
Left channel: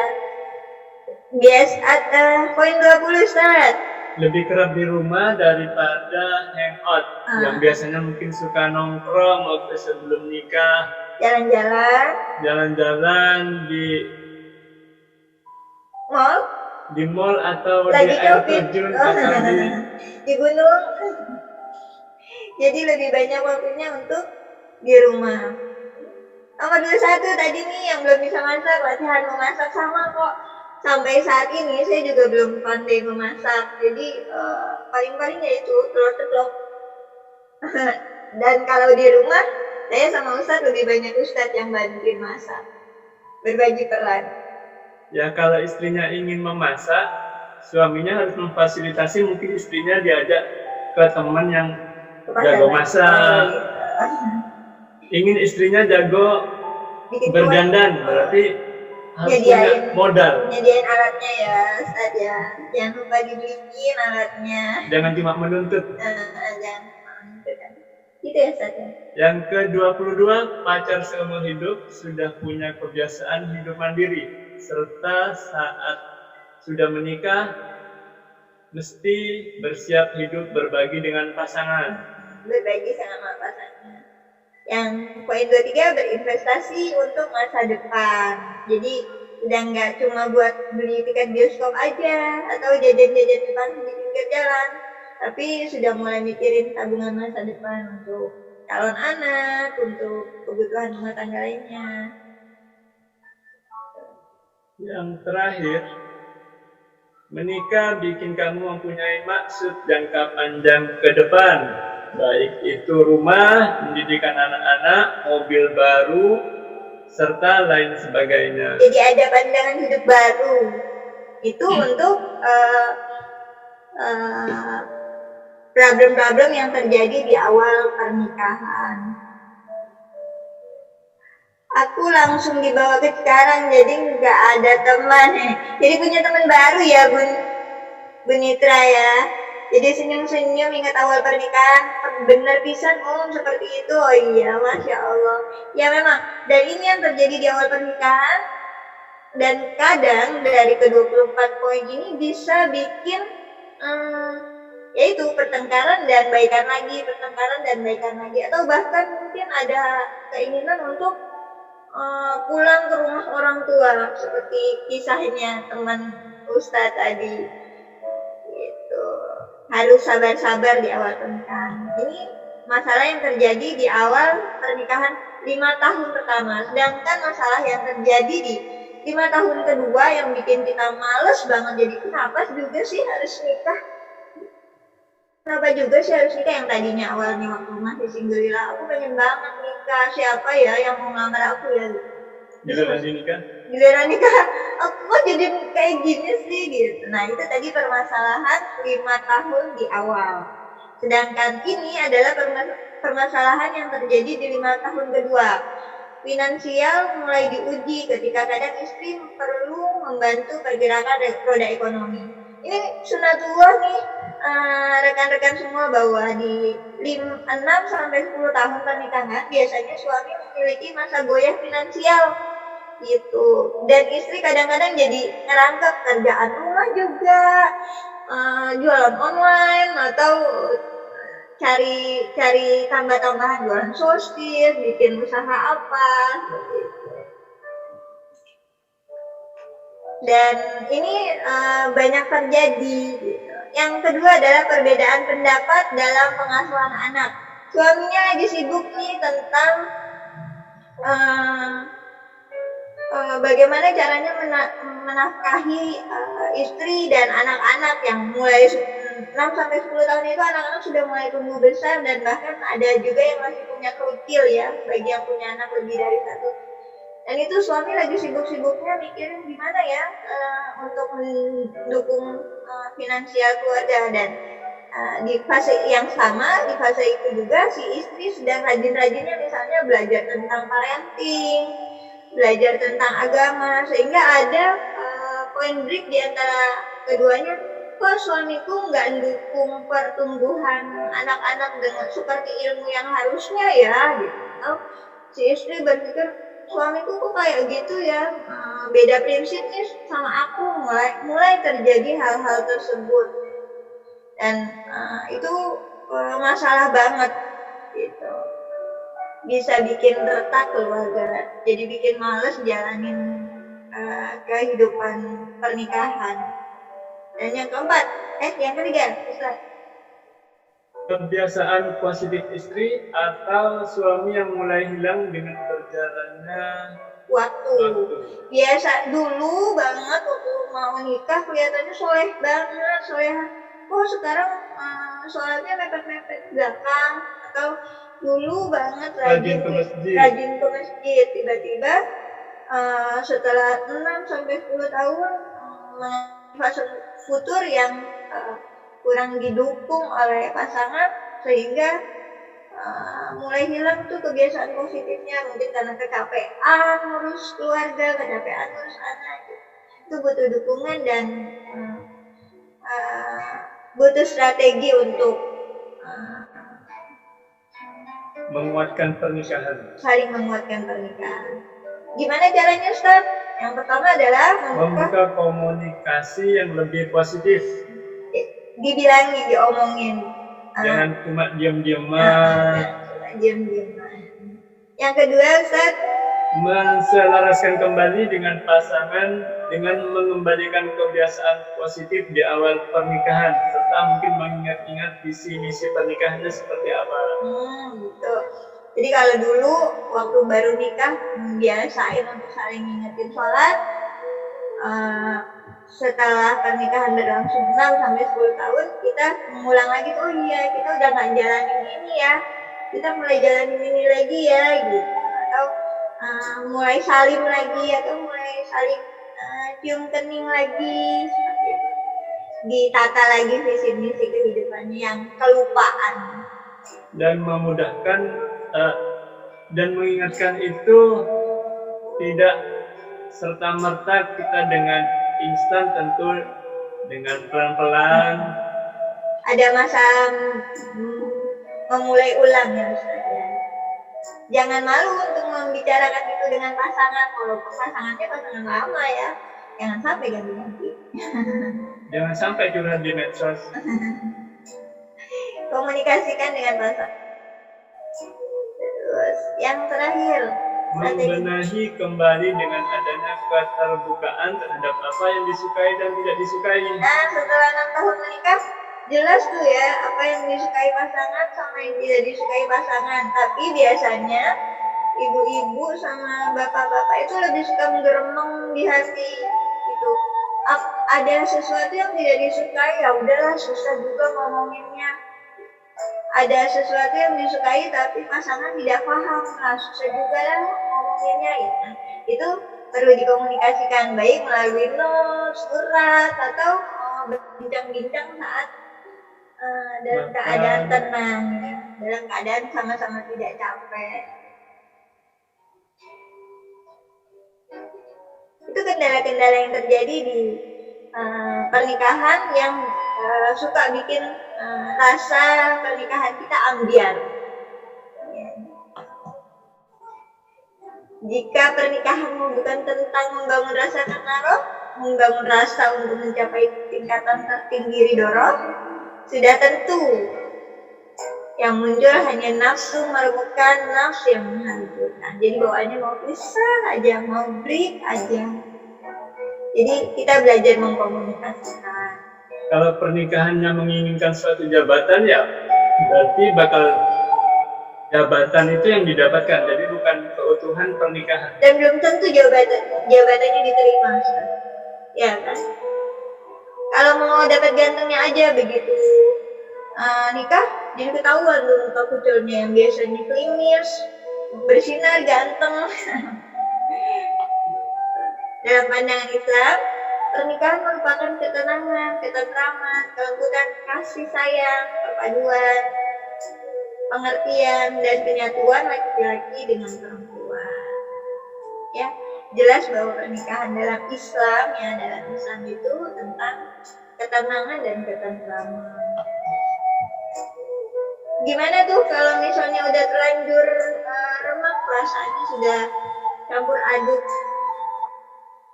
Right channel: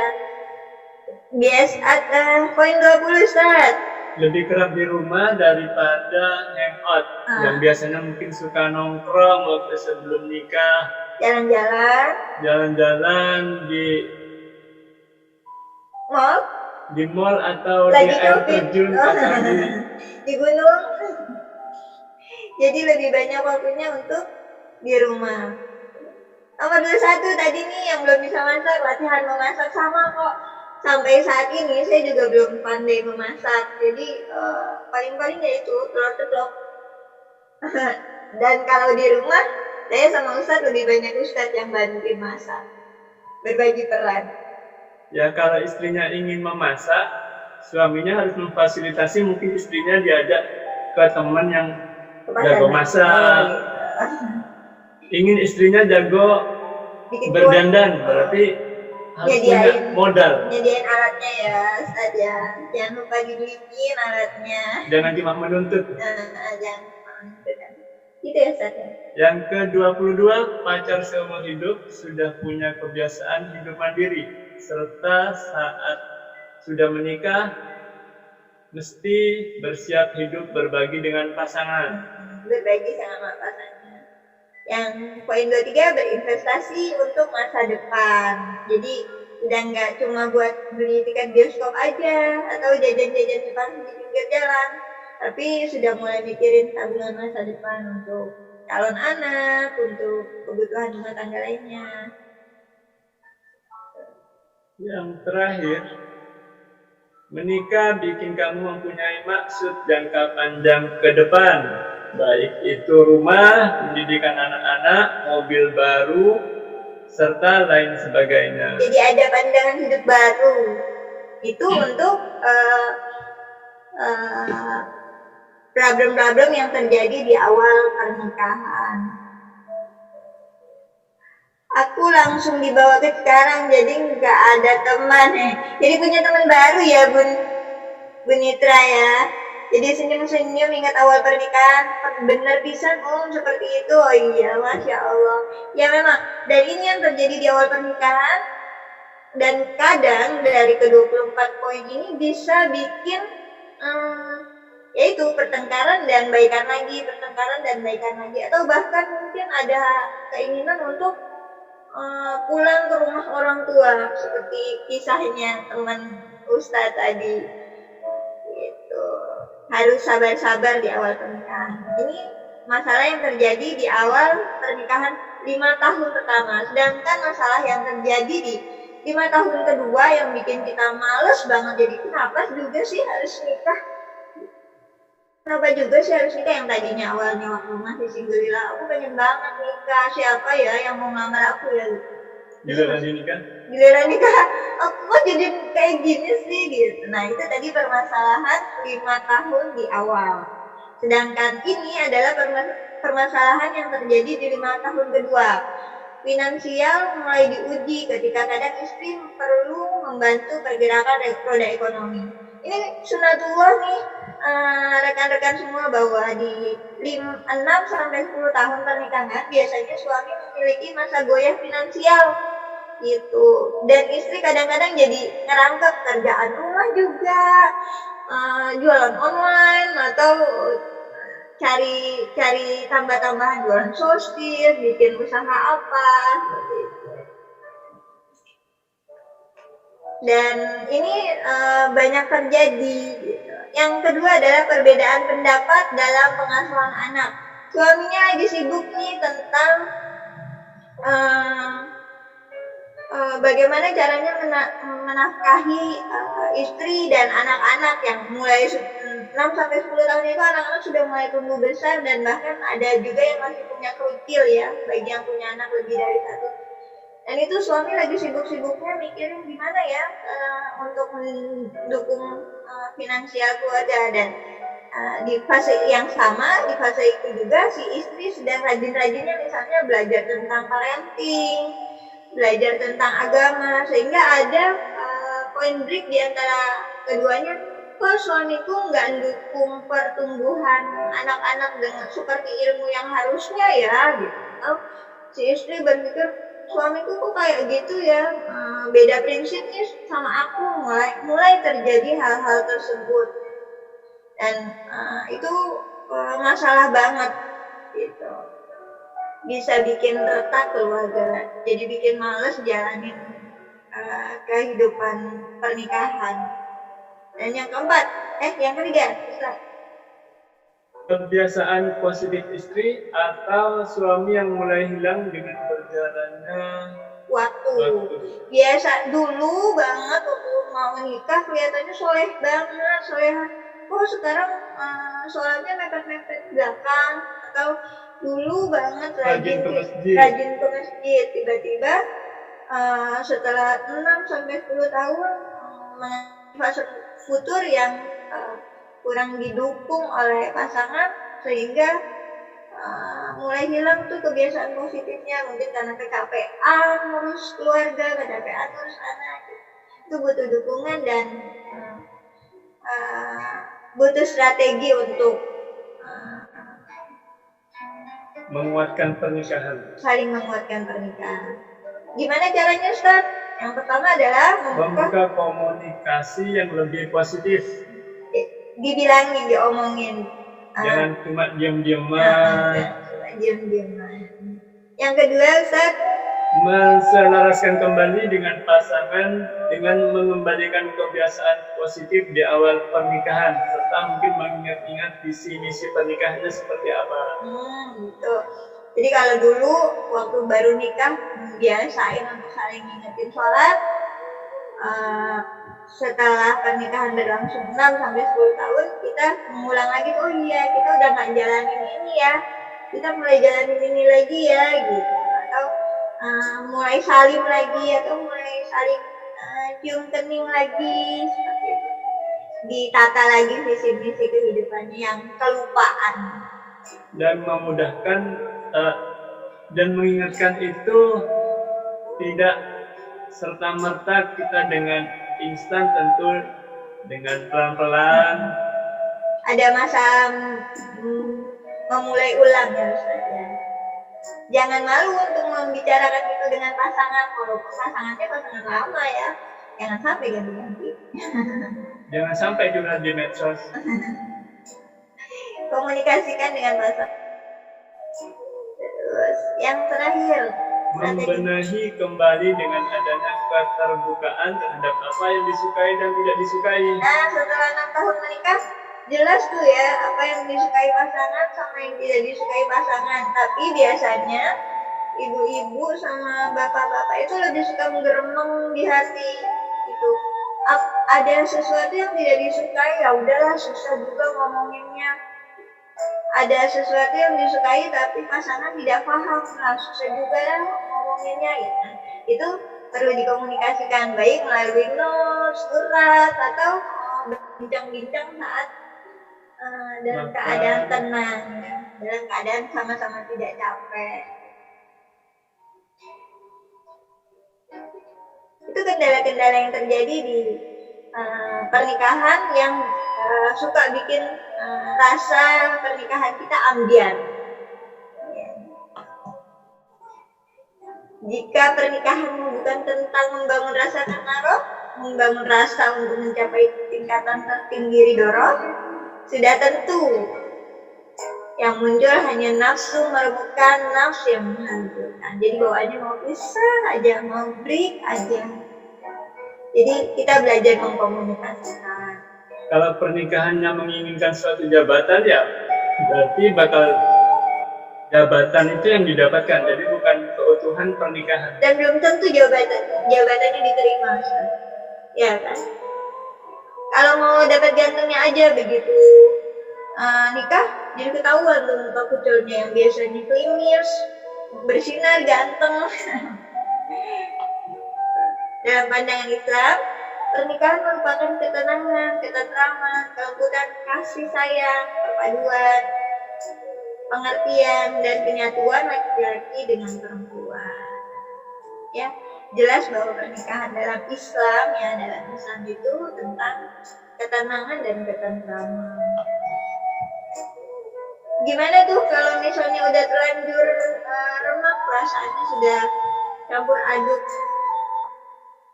Poin 20 Ustaz. Lebih kerap di rumah daripada hangout. Yang biasanya mungkin suka nongkrong waktu sebelum nikah. Jalan-jalan di mall. Di mall atau lagi di air shopping. terjun atau Di gunung. Jadi lebih banyak waktunya untuk di rumah. Nomor 21 tadi nih yang belum bisa masak, latihan memasak sama kok. Sampai saat ini saya juga belum pandai memasak. Jadi paling-paling ya itu telur ceplok. Dan kalau di rumah saya sama Ustadz lebih banyak Ustadz yang bantuin masak. Berbagi peran. Ya kalau istrinya ingin memasak, suaminya harus memfasilitasi, mungkin istrinya diajak ke teman yang jago masak. Ingin istrinya jago berdandan, berarti harus punya modal. Nyediain alatnya ya, Ustaz ya. Jangan lupa dibeliin alatnya. Jangan cuma menuntut. Jangan menuntut. Gitu ya, Ustaz ya. Yang ke-22, pacar seumur hidup sudah punya kebiasaan hidup mandiri, serta saat sudah menikah mesti bersiap hidup berbagi dengan pasangan. Berbagi sama pasangan. Yang poin 23, berinvestasi untuk masa depan. Jadi udah nggak cuma buat beli tiket bioskop aja atau jajan-jajan di pinggir jalan, tapi sudah mulai mikirin tabungan masa depan untuk calon anak, untuk kebutuhan rumah tangga lainnya. Yang terakhir, menikah bikin kamu mempunyai maksud jangka panjang ke depan. Baik itu rumah, pendidikan anak-anak, mobil baru, serta lain sebagainya. Jadi ada pandangan hidup baru. Itu untuk problem-problem yang terjadi di awal pernikahan. Aku langsung dibawa ke sekarang, jadi nggak ada teman. Jadi punya teman baru ya, Bun Nitra ya. Jadi senyum-senyum ingat awal pernikahan, bener pisan seperti itu. Oh iya, Masya Allah. Ya memang, dan ini yang terjadi di awal pernikahan. Dan kadang dari ke-24 poin ini bisa bikin yaitu pertengkaran dan baikan lagi, pertengkaran dan baikan lagi. Atau bahkan mungkin ada keinginan untuk pulang ke rumah orang tua, seperti kisahnya teman Ustadz tadi. Harus sabar-sabar di awal pernikahan. Ini masalah yang terjadi di awal pernikahan 5 tahun pertama. Sedangkan masalah yang terjadi di 5 tahun kedua yang bikin kita males banget. Jadi kenapa juga sih harus nikah? Kenapa juga sih harus nikah? Yang tadinya awalnya waktu masih single, aku pengen banget nikah. Siapa ya yang mau ngelamar aku ya? Giliran nikah, aku kok jadi kayak gini sih gitu. Nah itu tadi permasalahan 5 tahun di awal. Sedangkan ini adalah permasalahan yang terjadi di 5 tahun kedua. Finansial mulai diuji ketika kadang istri perlu membantu pergerakan roda ekonomi. Ini sunatullah nih rekan-rekan semua, bahwa di 6-10 tahun pernikahan biasanya suami memiliki masa goyah finansial gitu, dan istri kadang-kadang jadi ngerangkep kerjaan rumah juga, jualan online atau cari tambah-tambahan jualan sosis, bikin usaha apa seperti itu. Dan ini banyak terjadi gitu. Yang kedua adalah perbedaan pendapat dalam pengasuhan anak. Suaminya lagi sibuk nih tentang bagaimana caranya menafkahi istri dan anak-anak yang mulai 6-10 tahun itu anak-anak sudah mulai tumbuh besar, dan bahkan ada juga yang masih punya krucil ya, bagi yang punya anak lebih dari 1. Dan itu suami lagi sibuk-sibuknya mikirin gimana ya untuk mendukung finansial keluarga. Dan di fase yang sama, di fase itu juga si istri sedang rajin-rajinnya misalnya belajar tentang parenting, belajar tentang agama, sehingga ada point break di antara keduanya. Kok suamiku nggak dukung pertumbuhan anak-anak dengan seperti ilmu yang harusnya ya gitu. Si istri berpikir, suamiku kok kayak gitu ya, beda prinsip nih sama aku. Mulai terjadi hal-hal tersebut, dan itu masalah banget gitu. Bisa bikin retak keluarga, jadi bikin males jalanin kehidupan pernikahan. Dan yang keempat, yang ketiga, Ustaz. Kebiasaan positif istri atau suami yang mulai hilang dengan berjalannya waktu. Biasa dulu banget waktu mau nikah kelihatannya soleh banget, soleha. Oh sekarang sholatnya mepet-mepet belakang, atau dulu banget rajin ke masjid. Tiba-tiba setelah 6 sampai 10 tahun fase futur yang kurang didukung oleh pasangan, sehingga mulai hilang tuh kebiasaan positifnya, mungkin karena kecapean ngurus keluarga, kecapean ngurus anak. Itu butuh dukungan dan butuh strategi untuk menguatkan pernikahan. Saling menguatkan pernikahan. Gimana caranya, Ustaz? Yang pertama adalah membuka komunikasi yang lebih positif. Dibilangin, diomongin. Jangan cuma diam-diaman. Yang kedua, Ustaz, menselaraskan kembali dengan pasangan dengan mengembalikan kebiasaan positif di awal pernikahan, serta mungkin mengingat-ingat visi misi pernikahannya seperti apa. Gitu. Jadi kalau dulu waktu baru nikah biasain untuk saling ngingetin sholat. Setelah pernikahan berlangsung 6 sampai 10 tahun, kita mengulang lagi tuh, oh iya kita udah nggak jalanin ini ya, kita mulai jalanin ini lagi ya gitu, atau mulai salim lagi, atau mulai saling cium kening lagi, seperti itu. Ditata lagi visi misi kehidupannya yang kelupaan. Dan memudahkan dan mengingatkan itu tidak serta-merta kita dengan instan, tentu dengan pelan-pelan. Ada masa memulai ulang ya Ustaz ya. Jangan malu untuk membicarakan itu dengan pasangan, walaupun pasangannya pasangan lama ya. Jangan sampai ganti-ganti. Jangan sampai curhat di medsos. Komunikasikan dengan pasangan. Terus yang terakhir, membenahi kembali dengan adanya keterbukaan terhadap apa yang disukai dan tidak disukai. Nah, setelah 6 tahun menikah, jelas tuh ya apa yang disukai pasangan sama yang tidak disukai pasangan. Tapi biasanya ibu-ibu sama bapak-bapak itu lebih suka menggeremeng di hati gitu. Ada sesuatu yang tidak disukai, ya udahlah, susah juga ngomonginnya. Ada sesuatu yang disukai tapi pasangan tidak paham, nah susah juga lah ngomonginnya ya. Itu perlu dikomunikasikan baik melalui note, surat, atau berbincang-bincang saat dalam keadaan tenang ya. Dalam keadaan sama-sama tidak capek. Itu kendala-kendala yang terjadi di pernikahan yang suka bikin rasa pernikahan kita ambiar. Jika pernikahanmu bukan tentang membangun rasa takaruf, membangun rasa untuk mencapai tingkatan tertinggi ridho, sudah tentu yang muncul hanya nafsu merebutkan, nafsu yang menghancurkan. Jadi bawaannya mau pisah aja, mau break aja. Jadi kita belajar mengkomunikasikan. Kalau pernikahannya menginginkan suatu jabatan, ya berarti bakal jabatan itu yang didapatkan, jadi bukan keutuhan pernikahan. Dan belum tentu jabatannya diterima, ya kan? Kalau mau dapat gantengnya aja begitu nikah, jadi ketahuan tuh muka kuculnya yang biasanya klimis, bersinar, ganteng. Dalam pandangan Islam, pernikahan merupakan ketenangan, ketentraman, kelembutan kasih sayang, perpaduan, pengertian, dan penyatuan laki-laki dengan perempuan. Ya, jelas bahwa pernikahan dalam Islam itu tentang ketenangan dan ketentraman. Gimana tuh kalau misalnya udah terlanjur remak, perasaannya sudah campur aduk?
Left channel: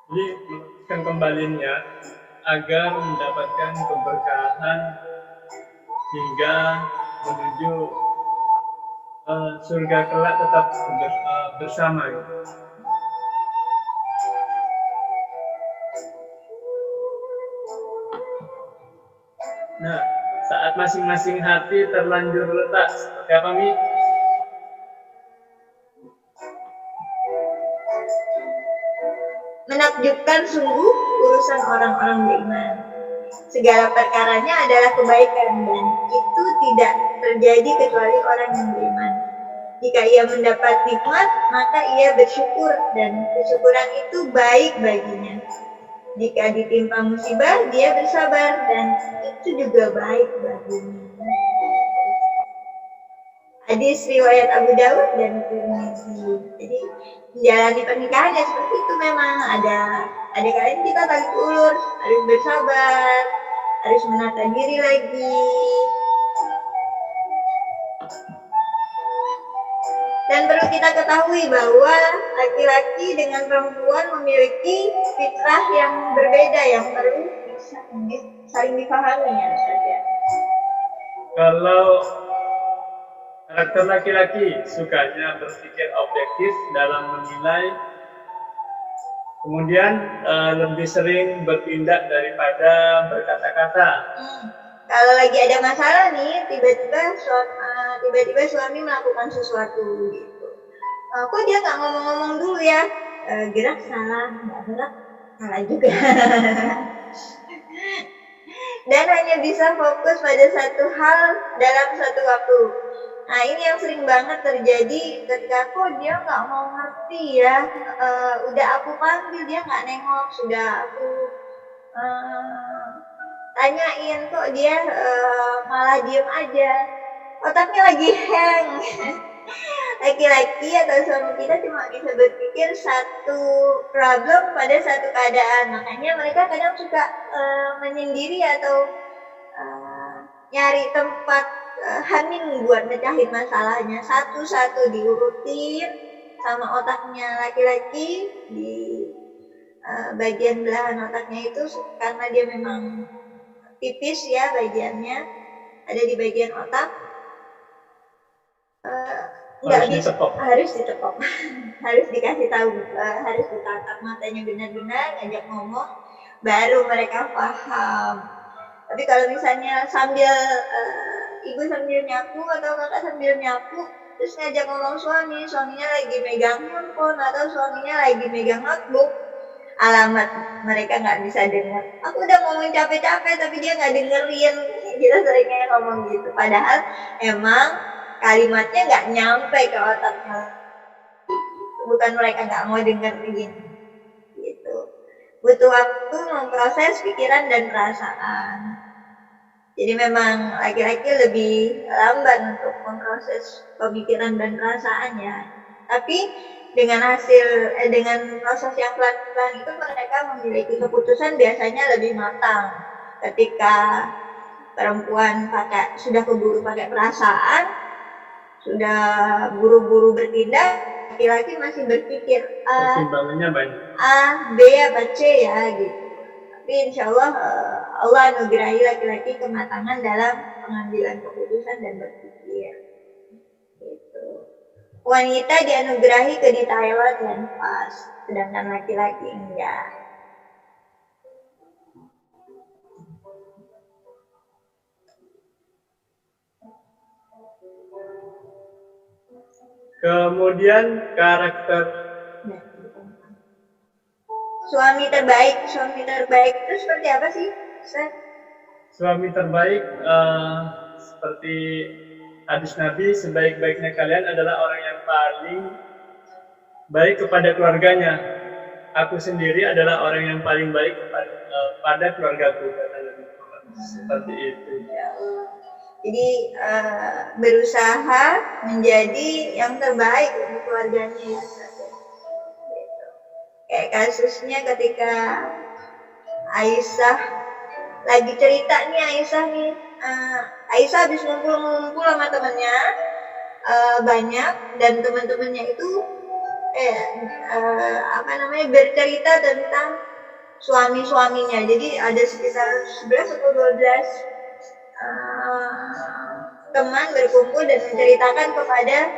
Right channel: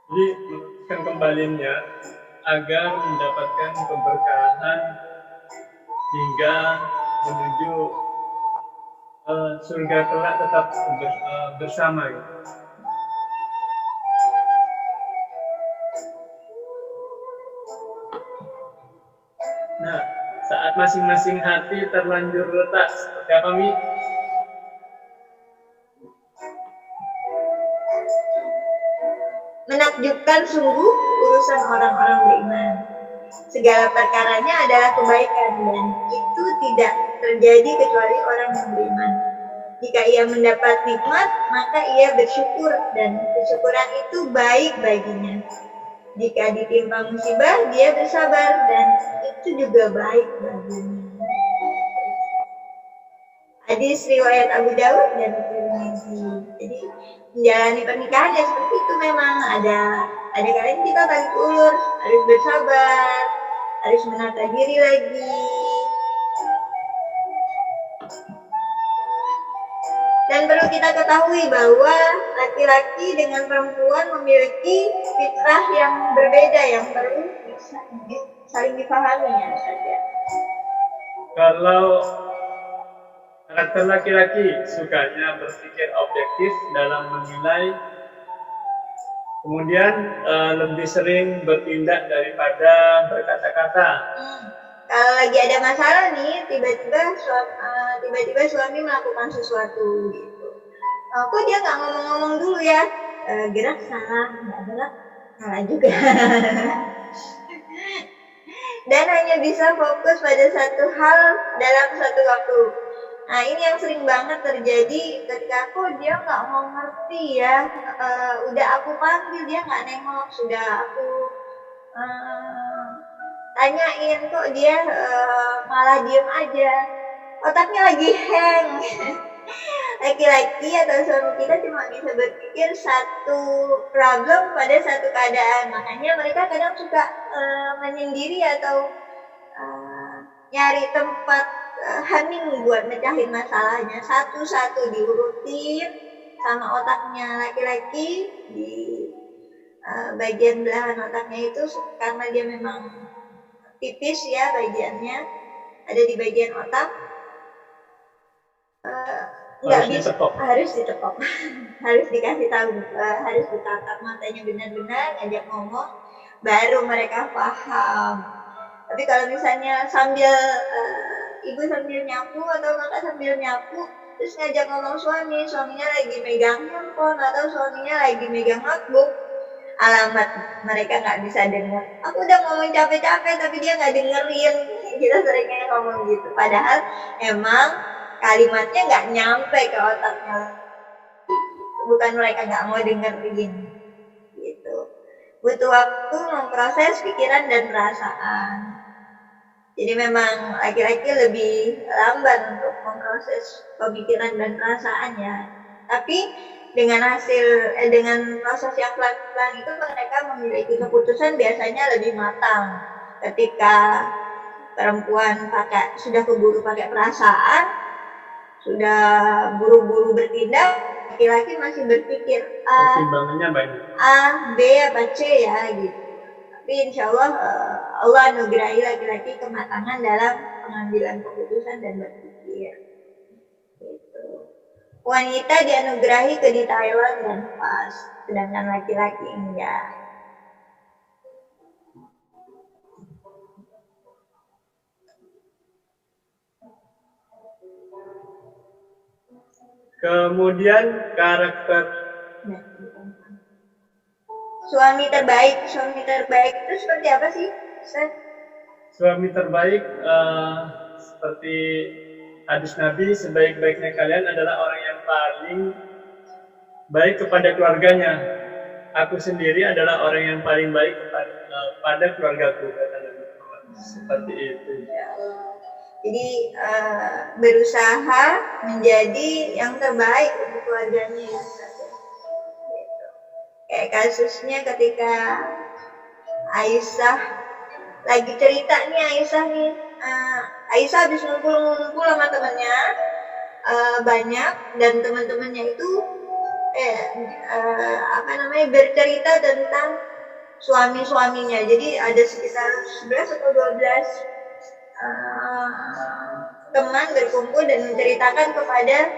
Jadi melakukan kembalinya agar mendapatkan keberkahan hingga menuju surga kelak tetap bersama. Nah, saat masing-masing hati terlanjur retak, seperti apa, Mi? Menakjubkan sungguh urusan orang-orang beriman. Segala perkaranya adalah kebaikan dan itu tidak terjadi kecuali orang yang beriman. Jika ia mendapat nikmat, maka ia bersyukur dan kesyukuran itu baik baginya. Jika ditimpa musibah, dia bersabar dan itu juga baik baginya. Hadis riwayat Abu Daud dan Tirmidzi. Jadi menjalani pernikahan ya seperti itu, memang ada kalanya kita tarik ulur, harus bersabar, harus menata diri lagi. Dan perlu kita ketahui bahwa laki-laki dengan perempuan memiliki fitrah yang berbeda yang perlu saling dipahami ya Ustaz ya. Kalau karakter laki-laki sukanya berpikir objektif dalam menilai, kemudian lebih sering bertindak daripada berkata-kata. Kalau lagi ada masalah nih, tiba-tiba suami melakukan sesuatu gitu. Kok dia nggak ngomong-ngomong dulu ya? Gerak salah, nggak gerak salah juga. Dan hanya bisa fokus pada satu hal dalam satu waktu. Nah ini yang sering banget terjadi ketika kok dia nggak mau ngerti ya. Udah aku panggil dia nggak nengok, sudah aku tanyain kok dia malah diem aja, otaknya lagi hang. Laki-laki atau suami kita cuma bisa berpikir satu problem pada satu keadaan, makanya mereka kadang suka menyendiri atau nyari tempat hening buat mecahin masalahnya, satu-satu diurutin sama otaknya. Laki-laki di bagian belahan otaknya itu karena dia memang tipis ya bagiannya, ada di bagian otak, harus ditepok harus dikasih tahu, harus ditatap matanya benar-benar, ngajak ngomong baru mereka paham. Tapi kalau misalnya sambil ibu sambil nyapu atau kakak sambil nyapu terus ngajak ngomong suaminya lagi megang handphone atau suaminya lagi megang notebook, alamat mereka nggak bisa dengar. Aku udah ngomong capek-capek tapi dia nggak dengerin. Kita seringnya ngomong gitu, padahal emang kalimatnya nggak nyampe ke otaknya, bukan mereka nggak mau dengerin gitu. Butuh waktu memproses pikiran dan perasaan. Jadi memang laki-laki lebih lambat untuk memproses pemikiran dan perasaannya, tapi dengan proses yang pelan-pelan itu mereka memiliki keputusan biasanya lebih matang. Ketika perempuan sudah keburu pakai perasaan, sudah buru-buru bertindak, laki-laki masih berpikir pertimbangannya banyak, A, B apa C ya gitu. Tapi insya Allah Allah anugerahi laki-laki kematangan dalam pengambilan keputusan dan berpikir. Wanita dianugerahi kedetailan dan pas, sedangkan laki-laki enggak. Kemudian karakter suami terbaik itu seperti apa sih, Ustaz? Suami terbaik seperti hadis Nabi, sebaik-baiknya kalian adalah orang yang paling baik kepada keluarganya. Aku sendiri adalah orang yang paling baik kepada keluargaku, kata Nabi Muhammad. Seperti itu. Jadi berusaha menjadi yang terbaik untuk keluarganya ya. Kayak kasusnya ketika Aisyah lagi cerita nih, Aisyah habis ngumpul sama temennya banyak, dan teman-temannya itu bercerita tentang suami-suaminya. Jadi ada sekitar 11 atau 12 teman berkumpul dan menceritakan kepada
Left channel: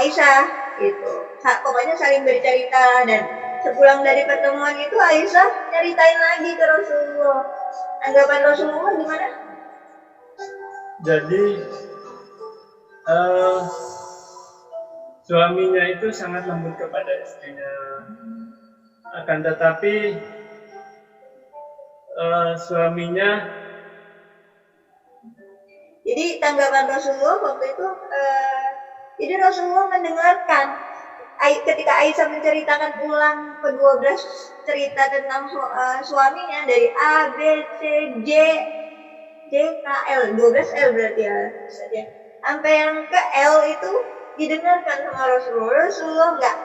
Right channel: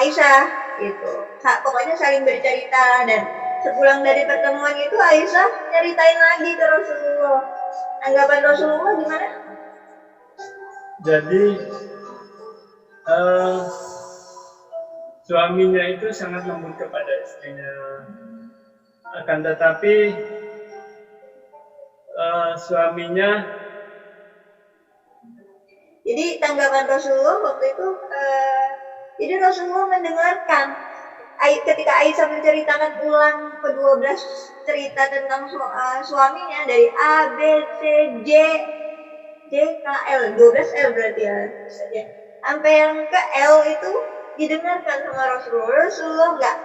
Aisyah gitu. Pokoknya saling bercerita, dan sepulang dari pertemuan itu Aisyah nyeritain lagi ke Rasulullah. Anggapan Rasulullah gimana? Jadi suaminya itu sangat lembut kepada istrinya, akan tetapi suaminya. Jadi tanggapan Rasulullah waktu itu, jadi Rasulullah mendengarkan ketika Aisyah menceritakan ulang ke-12 cerita tentang suaminya dari A, B, C, J, K, L, 12 L berarti ya saja. Sampai yang ke L itu didengarkan sama Rasulullah. Rasulullah enggak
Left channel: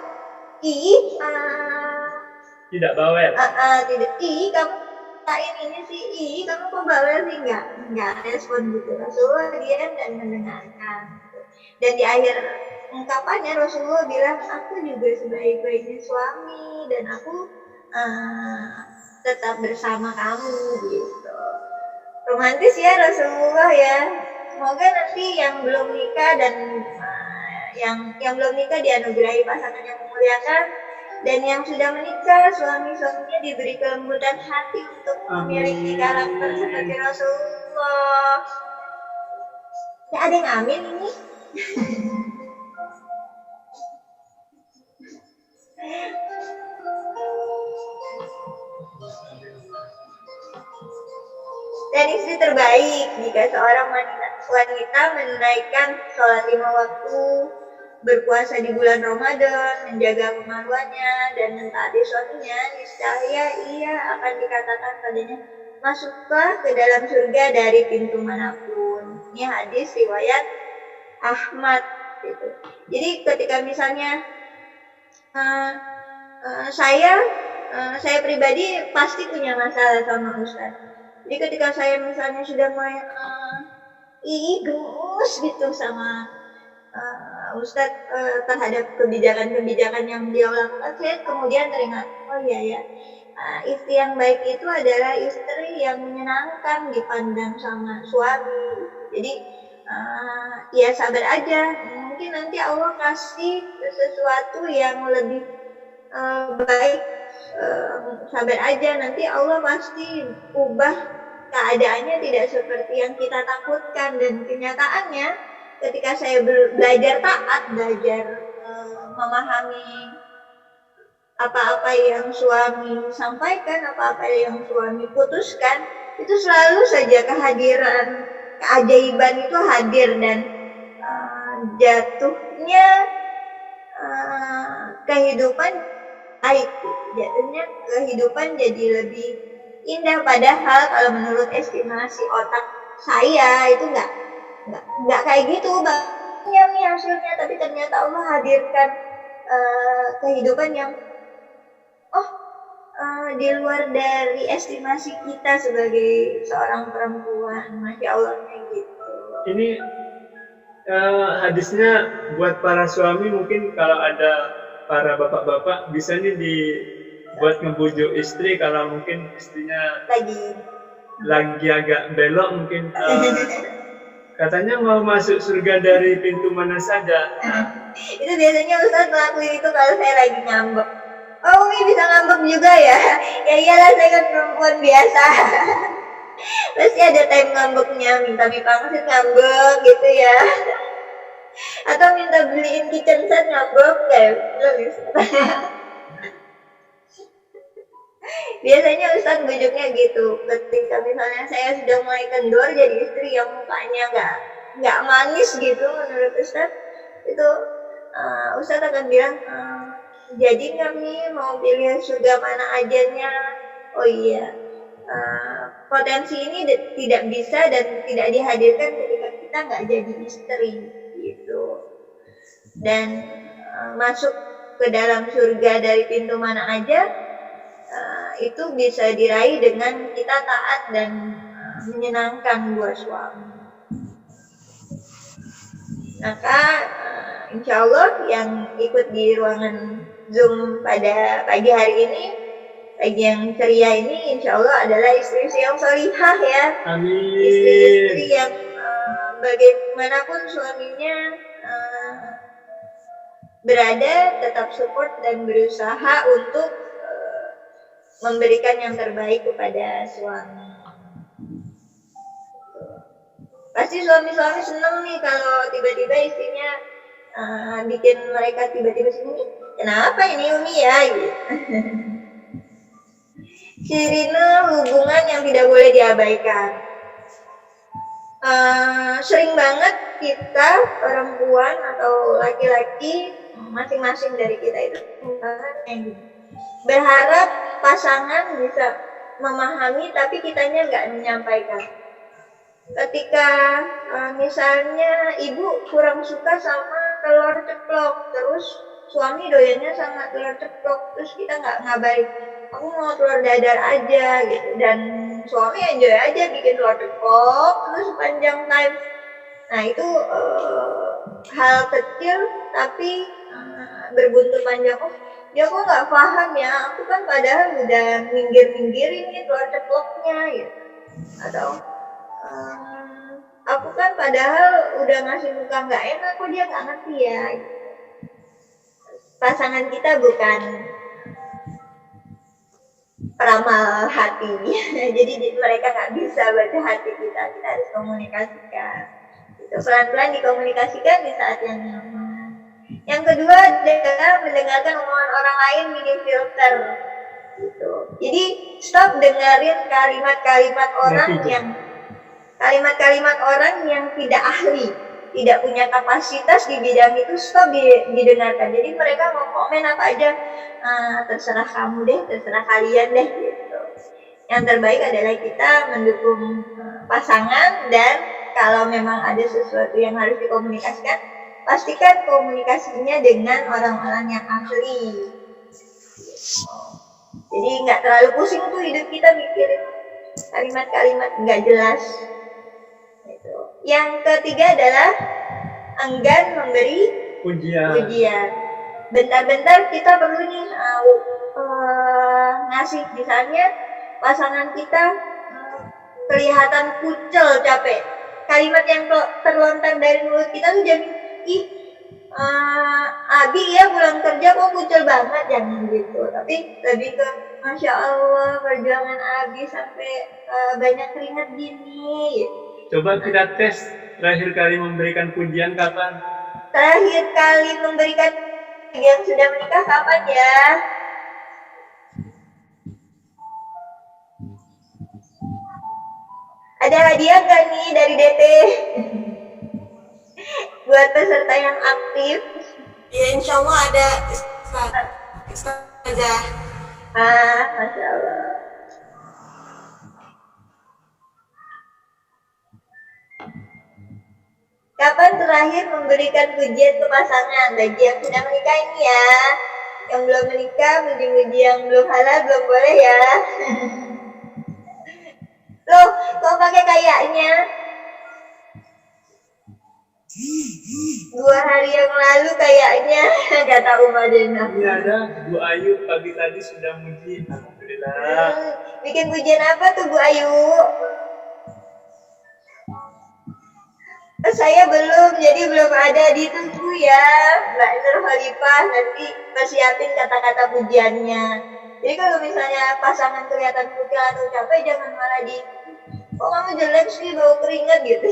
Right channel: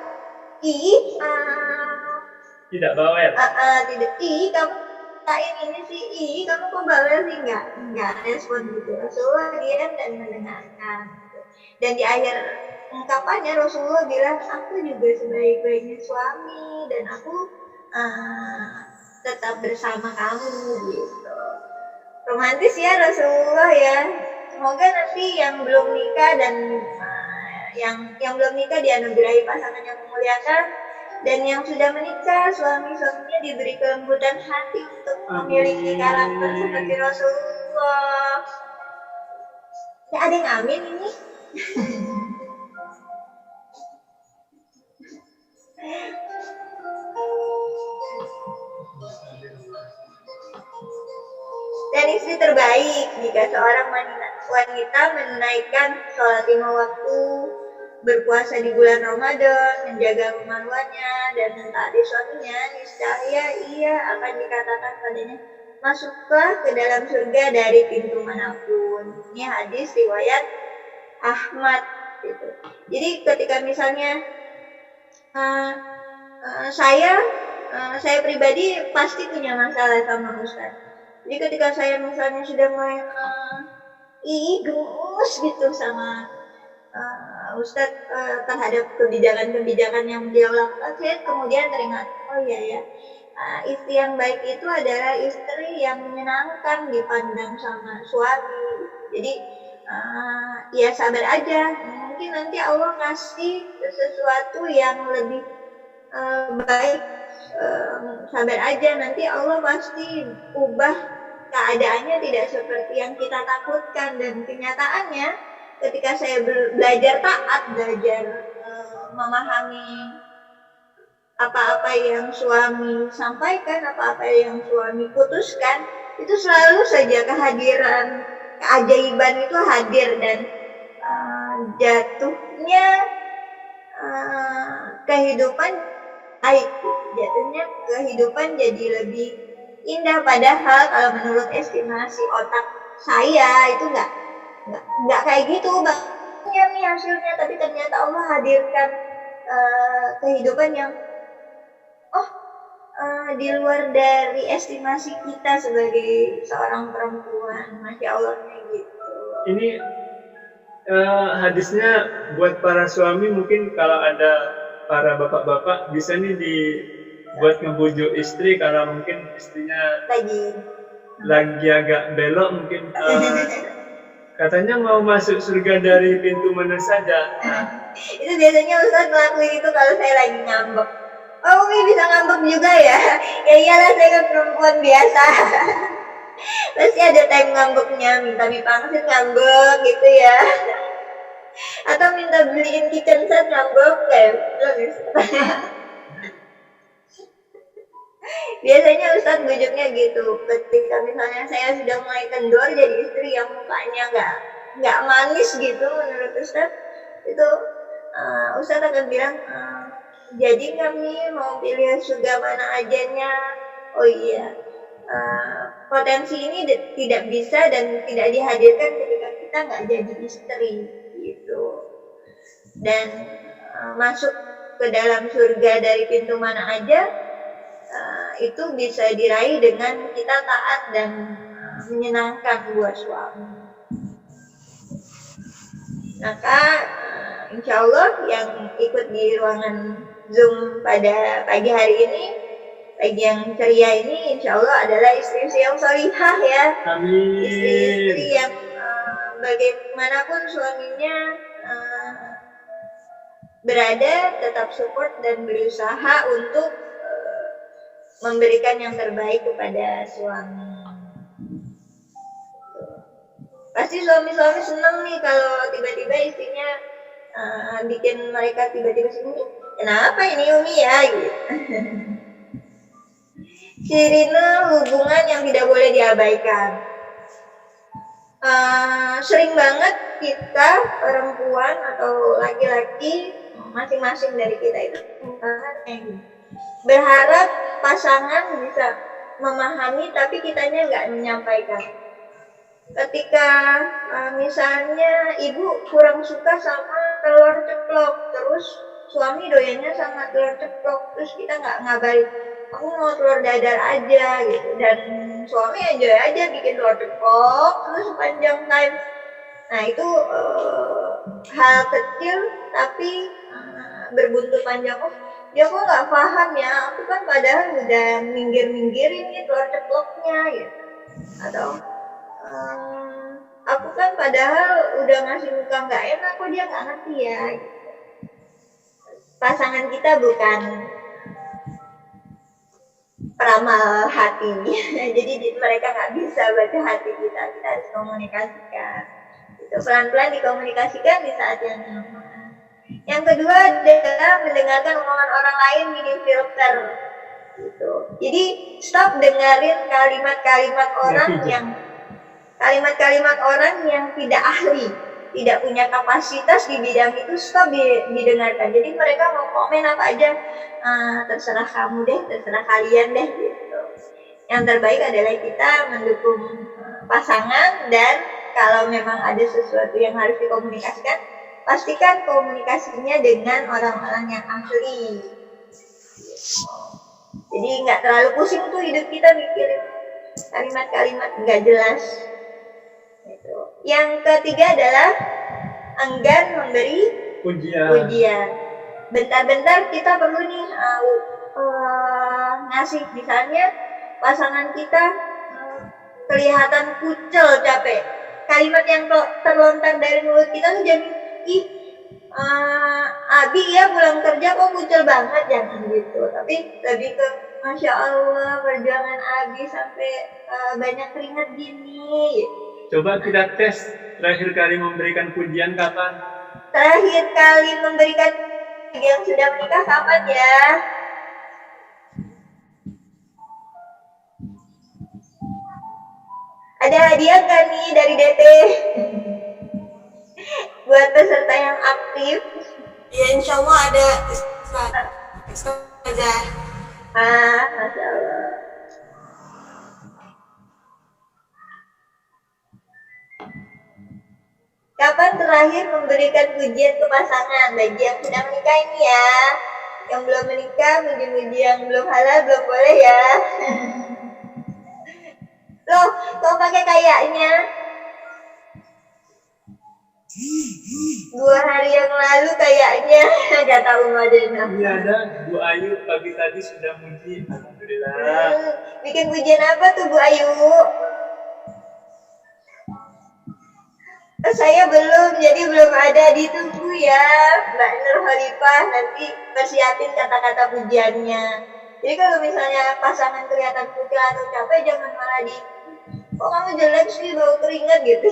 tidak bawel. Tidak kamu ini sih kamu kok bawel sih, enggak respon gitu. Rasulullah diam dan mendengarkan gitu. Dan di akhir ungkapannya Rasulullah bilang, aku juga sebaik-baiknya suami dan aku tetap bersama kamu gitu. Romantis ya Rasulullah ya. Semoga nanti yang belum nikah dan yang belum nikah dianugerahi pasangan yang memuliakan, dan yang sudah menikah suami-suaminya diberi kelembutan hati untuk memiliki karakter seperti Rasulullah. Ya ada yang amin ini. Dan istri terbaik jika seorang wanita menunaikan sholat 5 waktu, berpuasa di bulan Ramadan, menjaga kemaluannya, dan mentaati suaminya, niscaya ia akan dikatakan padanya, masuklah ke dalam surga dari pintu manapun. Ini hadis riwayat Ahmad gitu. Jadi ketika misalnya saya pribadi pasti punya masalah sama Ustadz. Jadi ketika saya misalnya sudah mulai gemes gitu sama Ustadz terhadap kebijakan-kebijakan yang beliau lakukan, saya kemudian teringat, oh iya ya, istri yang baik itu adalah istri yang menyenangkan dipandang sama suami. Jadi ya sabar aja, mungkin nanti Allah kasih sesuatu yang lebih baik. Sabar aja, nanti Allah pasti ubah keadaannya tidak seperti yang kita takutkan. Dan kenyataannya ketika saya belajar taat, belajar memahami apa-apa yang suami sampaikan, apa-apa yang suami putuskan, itu selalu saja kehadiran keajaiban itu hadir, dan jatuhnya kehidupan jatuhnya kehidupan jadi lebih indah. Padahal kalau menurut estimasi otak saya itu nggak kayak gitu banyak nih hasilnya, tapi ternyata Allah hadirkan kehidupan yang di luar dari estimasi kita sebagai seorang perempuan. Masya Allahnya gitu. Ini hadisnya buat para suami, mungkin kalau ada para bapak-bapak bisa nih dibuat ngebujuk istri kalau mungkin istrinya lagi agak belok, mungkin katanya mau masuk surga dari pintu mana saja. Itu biasanya Ustadz ngelakuin itu kalau saya lagi ngambek. Oh, Umi bisa ngambek juga ya? Ya iyalah, saya kan perempuan biasa. Pasti ada time ngambeknya, minta mie pangsit ngambek gitu ya. Atau minta beliin kitchen set ngambek kayak biasanya Ustadz bujuknya gitu. Ketika misalnya saya sudah mulai kendor jadi istri yang mukanya nggak manis gitu, menurut Ustadz itu Ustadz akan bilang, jadi kami mau pilih surga mana ajanya. Oh iya, potensi ini tidak bisa dan tidak dihadirkan ketika kita nggak jadi istri gitu. Dan masuk ke dalam surga dari pintu mana aja itu bisa diraih dengan kita taat dan menyenangkan buat suami. Maka insya Allah yang ikut di ruangan Zoom pada pagi hari ini, pagi yang ceria ini, insya Allah adalah istri-istri yang solihah ya. Amin. Istri-istri yang bagaimanapun suaminya berada, tetap support dan berusaha untuk memberikan yang terbaik kepada suami. Pasti suami-suami seneng nih kalau tiba-tiba istrinya bikin mereka tiba-tiba seneng. Kenapa ini Umi ya? Gitu. Sirine hubungan yang tidak boleh diabaikan. Sering banget kita perempuan atau laki-laki masing-masing dari kita itu berharap pasangan bisa memahami tapi kitanya nggak menyampaikan. Ketika misalnya ibu kurang suka sama telur ceplok, terus suami doyannya sama telur ceplok, terus kita nggak ngabarin, aku mau telur dadar aja gitu, dan suami enjoy aja bikin telur ceplok terus panjang time. Nah itu hal kecil tapi berbuntut panjang. Oh dia kok nggak paham ya, aku kan padahal udah minggir-minggirin nih telur ceploknya gitu. Atau aku kan padahal udah ngasih muka nggak enak, kok dia nggak ngerti ya gitu. Pasangan kita bukan peramal hati jadi mereka nggak bisa baca hati kita harus komunikasikan itu, pelan-pelan dikomunikasikan di saat yang nyaman. Yang kedua adalah mendengarkan omongan orang lain, minim filter gitu. Jadi stop dengerin kalimat-kalimat orang yang tidak ahli, tidak punya kapasitas di bidang itu, stop didengarkan. Jadi mereka mau komen apa aja, terserah kamu deh, terserah kalian deh gitu. Yang terbaik adalah kita mendukung pasangan, dan kalau memang ada sesuatu yang harus dikomunikasikan, pastikan komunikasinya dengan orang-orang yang ahli. Jadi nggak terlalu pusing tuh hidup kita mikirin kalimat-kalimat nggak jelas. Gitu. Yang ketiga adalah enggan memberi pujian. Bentar-bentar kita perlu nih ngasih, misalnya pasangan kita kelihatan kucel, capek. Kalimat yang terlontar dari mulut kita tuh jadi, Abi ya pulang kerja kok kucel banget, jangan gitu. Tapi lebih ke, Masya Allah perjuangan Abi sampai banyak keringat gini. Coba kita tes, terakhir kali memberikan pujian kapan? Terakhir kali memberikan yang sudah menikah kapan ya? Ada hadiah nggak nih dari DT? Buat peserta yang aktif? Ya insya Allah ada aja. Masya Allah. Kapan terakhir memberikan pujian ke pasangan? Bagi yang sudah menikah ini ya. Yang belum menikah, muji-muji yang belum halal belum boleh ya. Loh, kok pakai kayaknya? 2 hari yang lalu kayaknya, kata Umadena. Ini ada Bu Ayu, pagi tadi sudah muji, alhamdulillah. Bikin pujian apa tuh Bu Ayu? Saya belum, jadi belum ada, ditunggu ya Mbak Nur Khalifah, nanti persiapin kata-kata pujiannya. Jadi kalau misalnya pasangan kelihatan kucel atau capek, jangan malah kok kamu jelek sih, bau keringat gitu.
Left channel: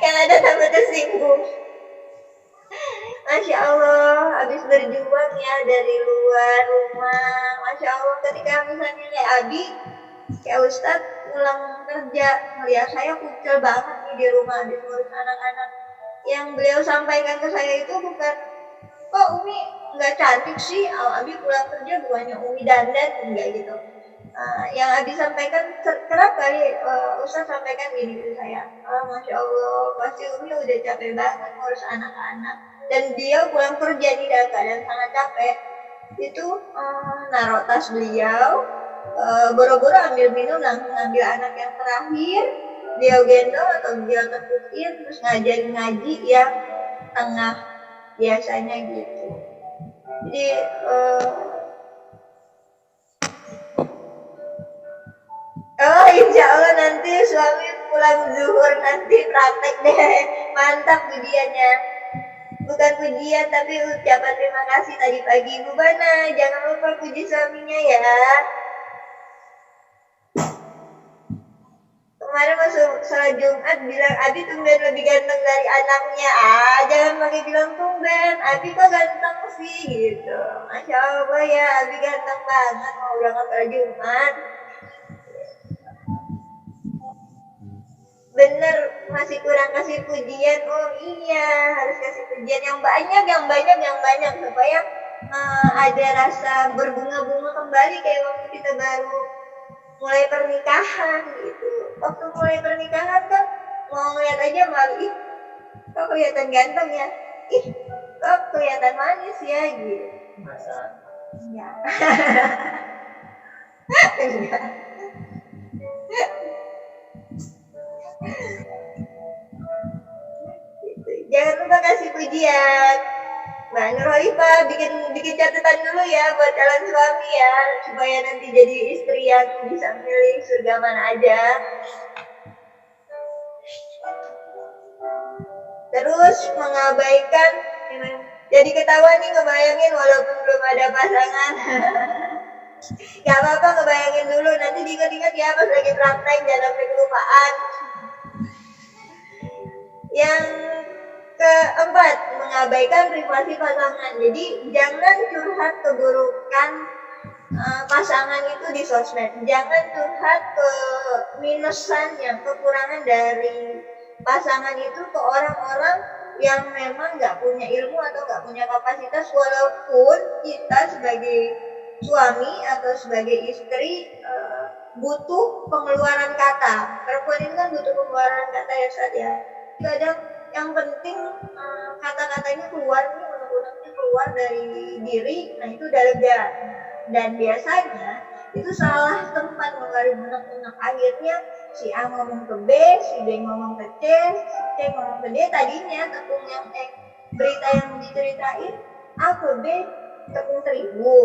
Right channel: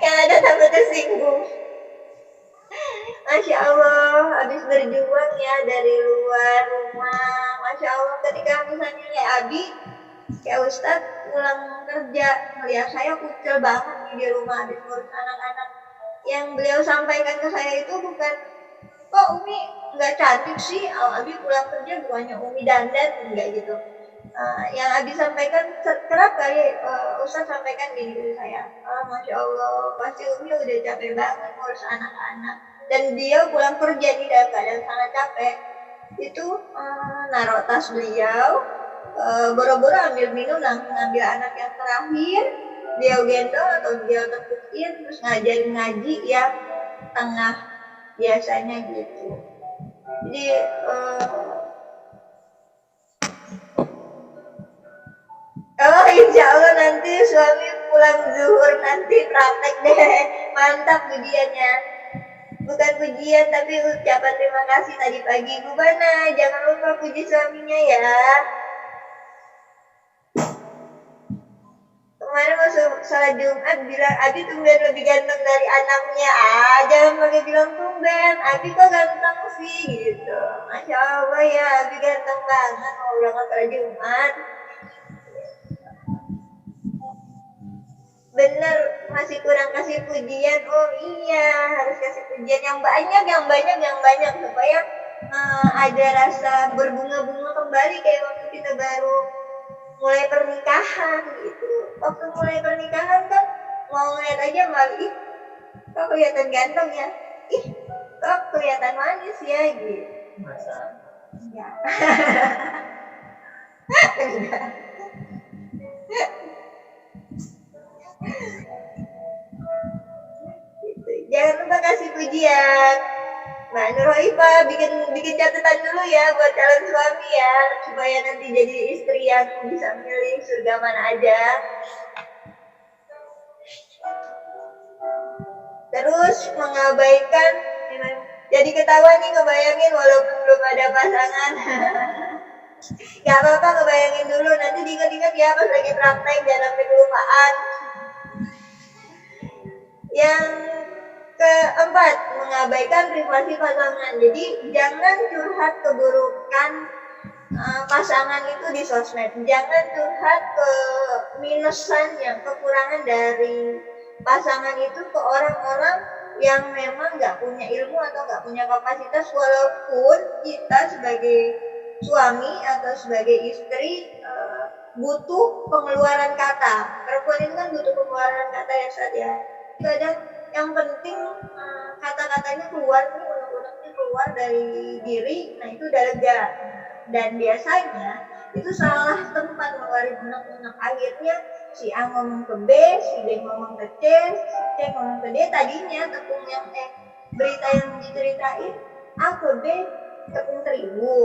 Yang ada tambah tersinggung. Masya Allah, habis berjuang ya dari luar rumah. Masya Allah, ketika misalnya kayak Abi, kayak Ustadz pulang kerja, ngeliat saya kucel banget nih di rumah, habis ngurus anak-anak. Yang beliau sampaikan ke saya itu bukan, kok Umi nggak cantik sih, Abi pulang kerja bukannya Umi dandan, enggak gitu. Yang Abi sampaikan, kerap kali Ustadz sampaikan gini ke saya, Masya Allah, pasti Umi udah capek banget ngurus anak-anak. Dan dia pulang kerja nih dalam keadaan sangat capek. Itu naruh tas beliau, boro-boro ambil minum, langsung ambil anak yang terakhir, dia gendong atau dia tepukin, terus ngajarin ngaji yang tengah, biasanya gitu. Jadi insya Allah nanti suami pulang zuhur nanti praktek deh, mantap pujiannya. Bukan pujian tapi ucapan terima kasih tadi pagi. Bu Bana, jangan lupa puji suaminya ya. kemarin masuk sholat Jumat bilang Abi tumben lebih ganteng dari anaknya. Jangan pakai bilang tumben, Abi kok ganteng sih gitu. Masya Allah ya, Abi ganteng banget mau berangkat sholat Jumat. Bener, masih kurang kasih pujian. Oh iya, harus kasih pujian yang banyak supaya ada rasa berbunga-bunga kembali kayak waktu kita baru mulai pernikahan gitu. Waktu mulai pernikahan kan mau ngeliat aja malu, ih kok kelihatan ganteng ya, ih kok kelihatan manis ya gitu. Masa? Enggak. Enggak. Gitu. Jangan lupa kasih pujian. Mbak Nurhoifah bikin catatan dulu ya buat calon suami ya, supaya nanti jadi istri yang bisa milih surga mana aja. Terus mengabaikan, jadi ketawa nih ngebayangin walaupun belum ada pasangan. Gak apa-apa ngebayangin dulu, nanti diingat-ingat ya pas lagi praktek, jangan sampai kelupaan. Yang keempat, mengabaikan privasi pasangan. Jadi jangan curhat keburukan pasangan itu di sosmed. Jangan curhat ke minusannya, kekurangan dari pasangan itu ke orang-orang yang memang nggak punya ilmu atau nggak punya kapasitas. Walaupun kita sebagai suami atau sebagai istri butuh pengeluaran kata. Perempuan itu kan butuh pengeluaran kata ya Ustaz ya. Kadang yang penting kata-katanya keluar nih, unek-uneknya keluar dari diri, nah itu udah lega. Dan biasanya itu salah tempat ngeluarin unek-unek. Akhirnya si A ngomong ke B, si B ngomong ke C, si C ngomong ke D. Tadinya tepung yang berita yang diceritain A ke B tepung terigu,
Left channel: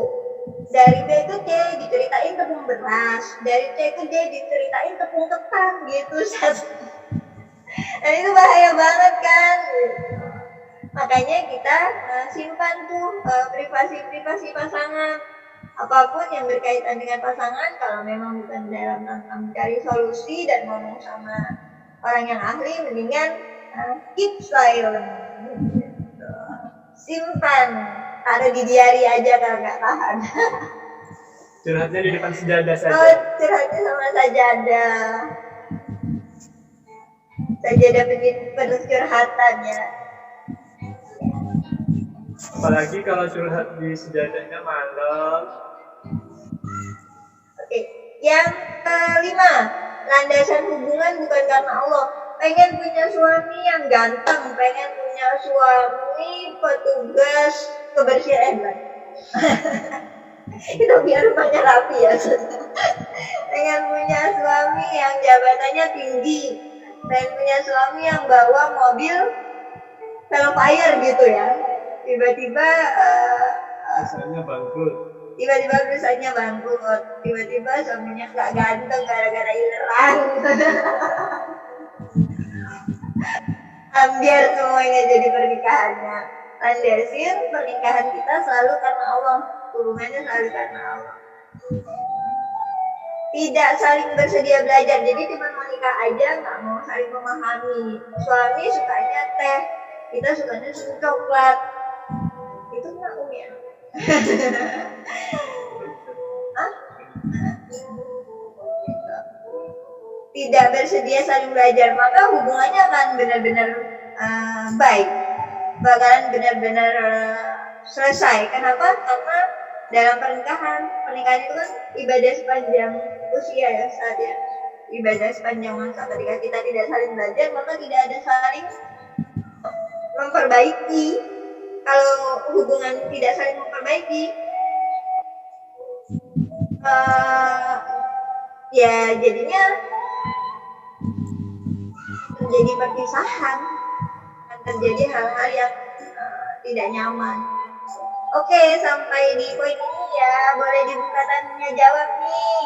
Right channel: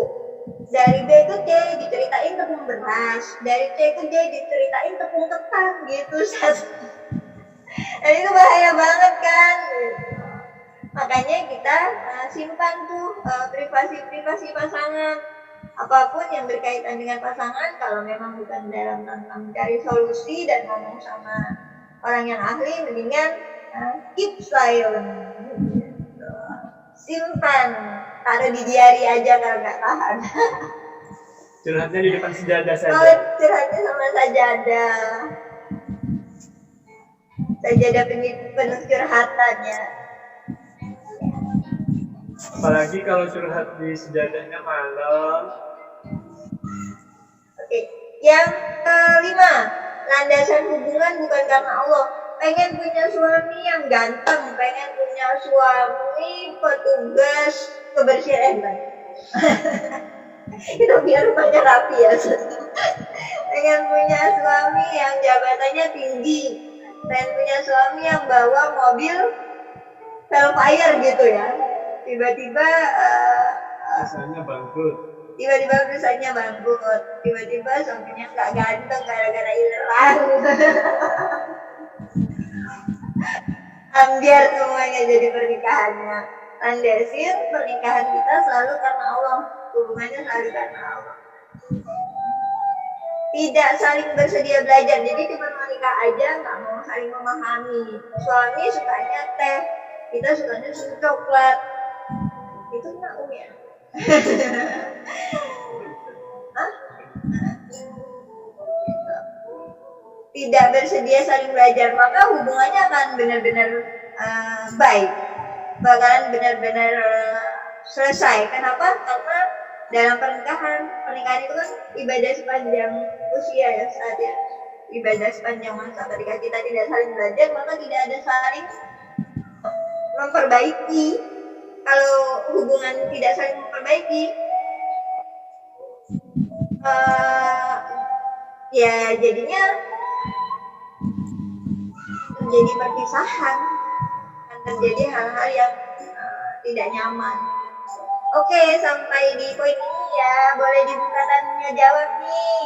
dari B ke C diceritain tepung beras, dari C ke D diceritain tepung ketan gitu. Dan itu bahaya banget kan. Makanya kita simpan tuh privasi pasangan. Apapun yang berkaitan dengan pasangan, kalau memang bukan dalam rangka mencari solusi dan ngomong sama orang yang ahli, mendingan keep silent. Simpan, taruh di diary aja kalau nggak tahan. Curhatnya di depan sejadah saja. Oh, curhatnya sama sajadah. Sajadah penuh curhatan ya. Apalagi kalau curhat di sejadahnya malam. Oke, yang kelima, landasan hubungan bukan karena Allah. Pengen punya suami yang ganteng, pengen punya suami petugas kebersihan itu biar rumahnya rapi ya. Pengen punya suami yang jabatannya tinggi, pengen punya suami yang bawa mobil Velfire gitu ya. Tiba-tiba Misalnya bangkrut. Tiba-tiba perusahaannya bangkrut. Tiba-tiba suaminya nggak ganteng gara-gara ileran. Ambiar semuanya jadi pernikahannya. Landasin pernikahan kita selalu karena Allah. Hubungannya selalu karena Allah. Tidak saling bersedia belajar. Jadi cuma mau nikah aja, nggak mau saling memahami. Suami sukanya teh, kita sukanya susu coklat. Itu nggak ya? Tidak bersedia saling belajar, maka hubungannya akan benar-benar baik, bakalan benar-benar selesai. Kenapa? Karena dalam pernikahan itu kan ibadah sepanjang usia ya, saat ya, ibadah sepanjang masa. Ketika kita tidak saling belajar, maka tidak ada saling memperbaiki. Kalau hubungan tidak saling memperbaiki, ya jadinya terjadi perpisahan, dan terjadi hal-hal yang tidak nyaman. Oke, sampai di poin ini ya, boleh dibuka tanya jawab nih,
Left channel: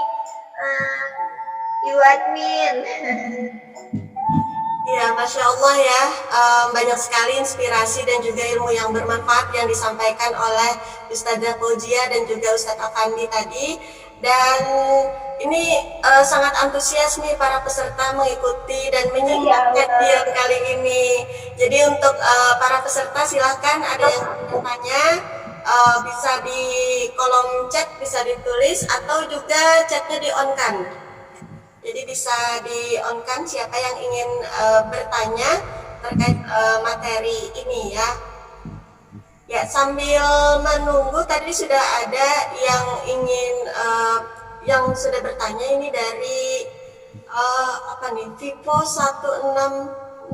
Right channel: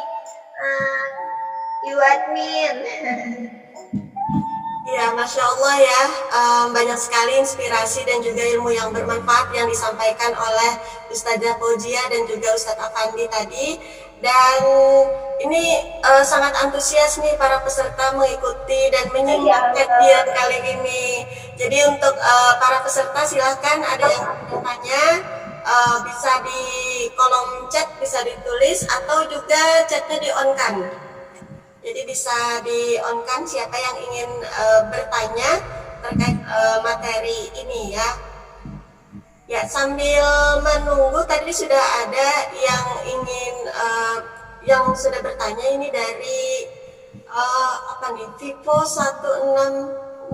Ibu admin. Ya, Masya Allah ya, banyak sekali inspirasi dan juga ilmu yang bermanfaat yang disampaikan oleh Ustazah Fauzia dan juga Ustadz Afandi tadi. Dan ini sangat antusias nih para peserta mengikuti dan menyimak kajian kali ini. Jadi untuk para peserta silahkan ada yang bertanya, bisa di kolom chat bisa ditulis atau juga chatnya di on kan. Jadi bisa di on kan siapa yang ingin bertanya terkait materi ini ya. Ya, sambil menunggu tadi sudah ada yang ingin yang sudah bertanya ini dari apa nih? Vivo 1606.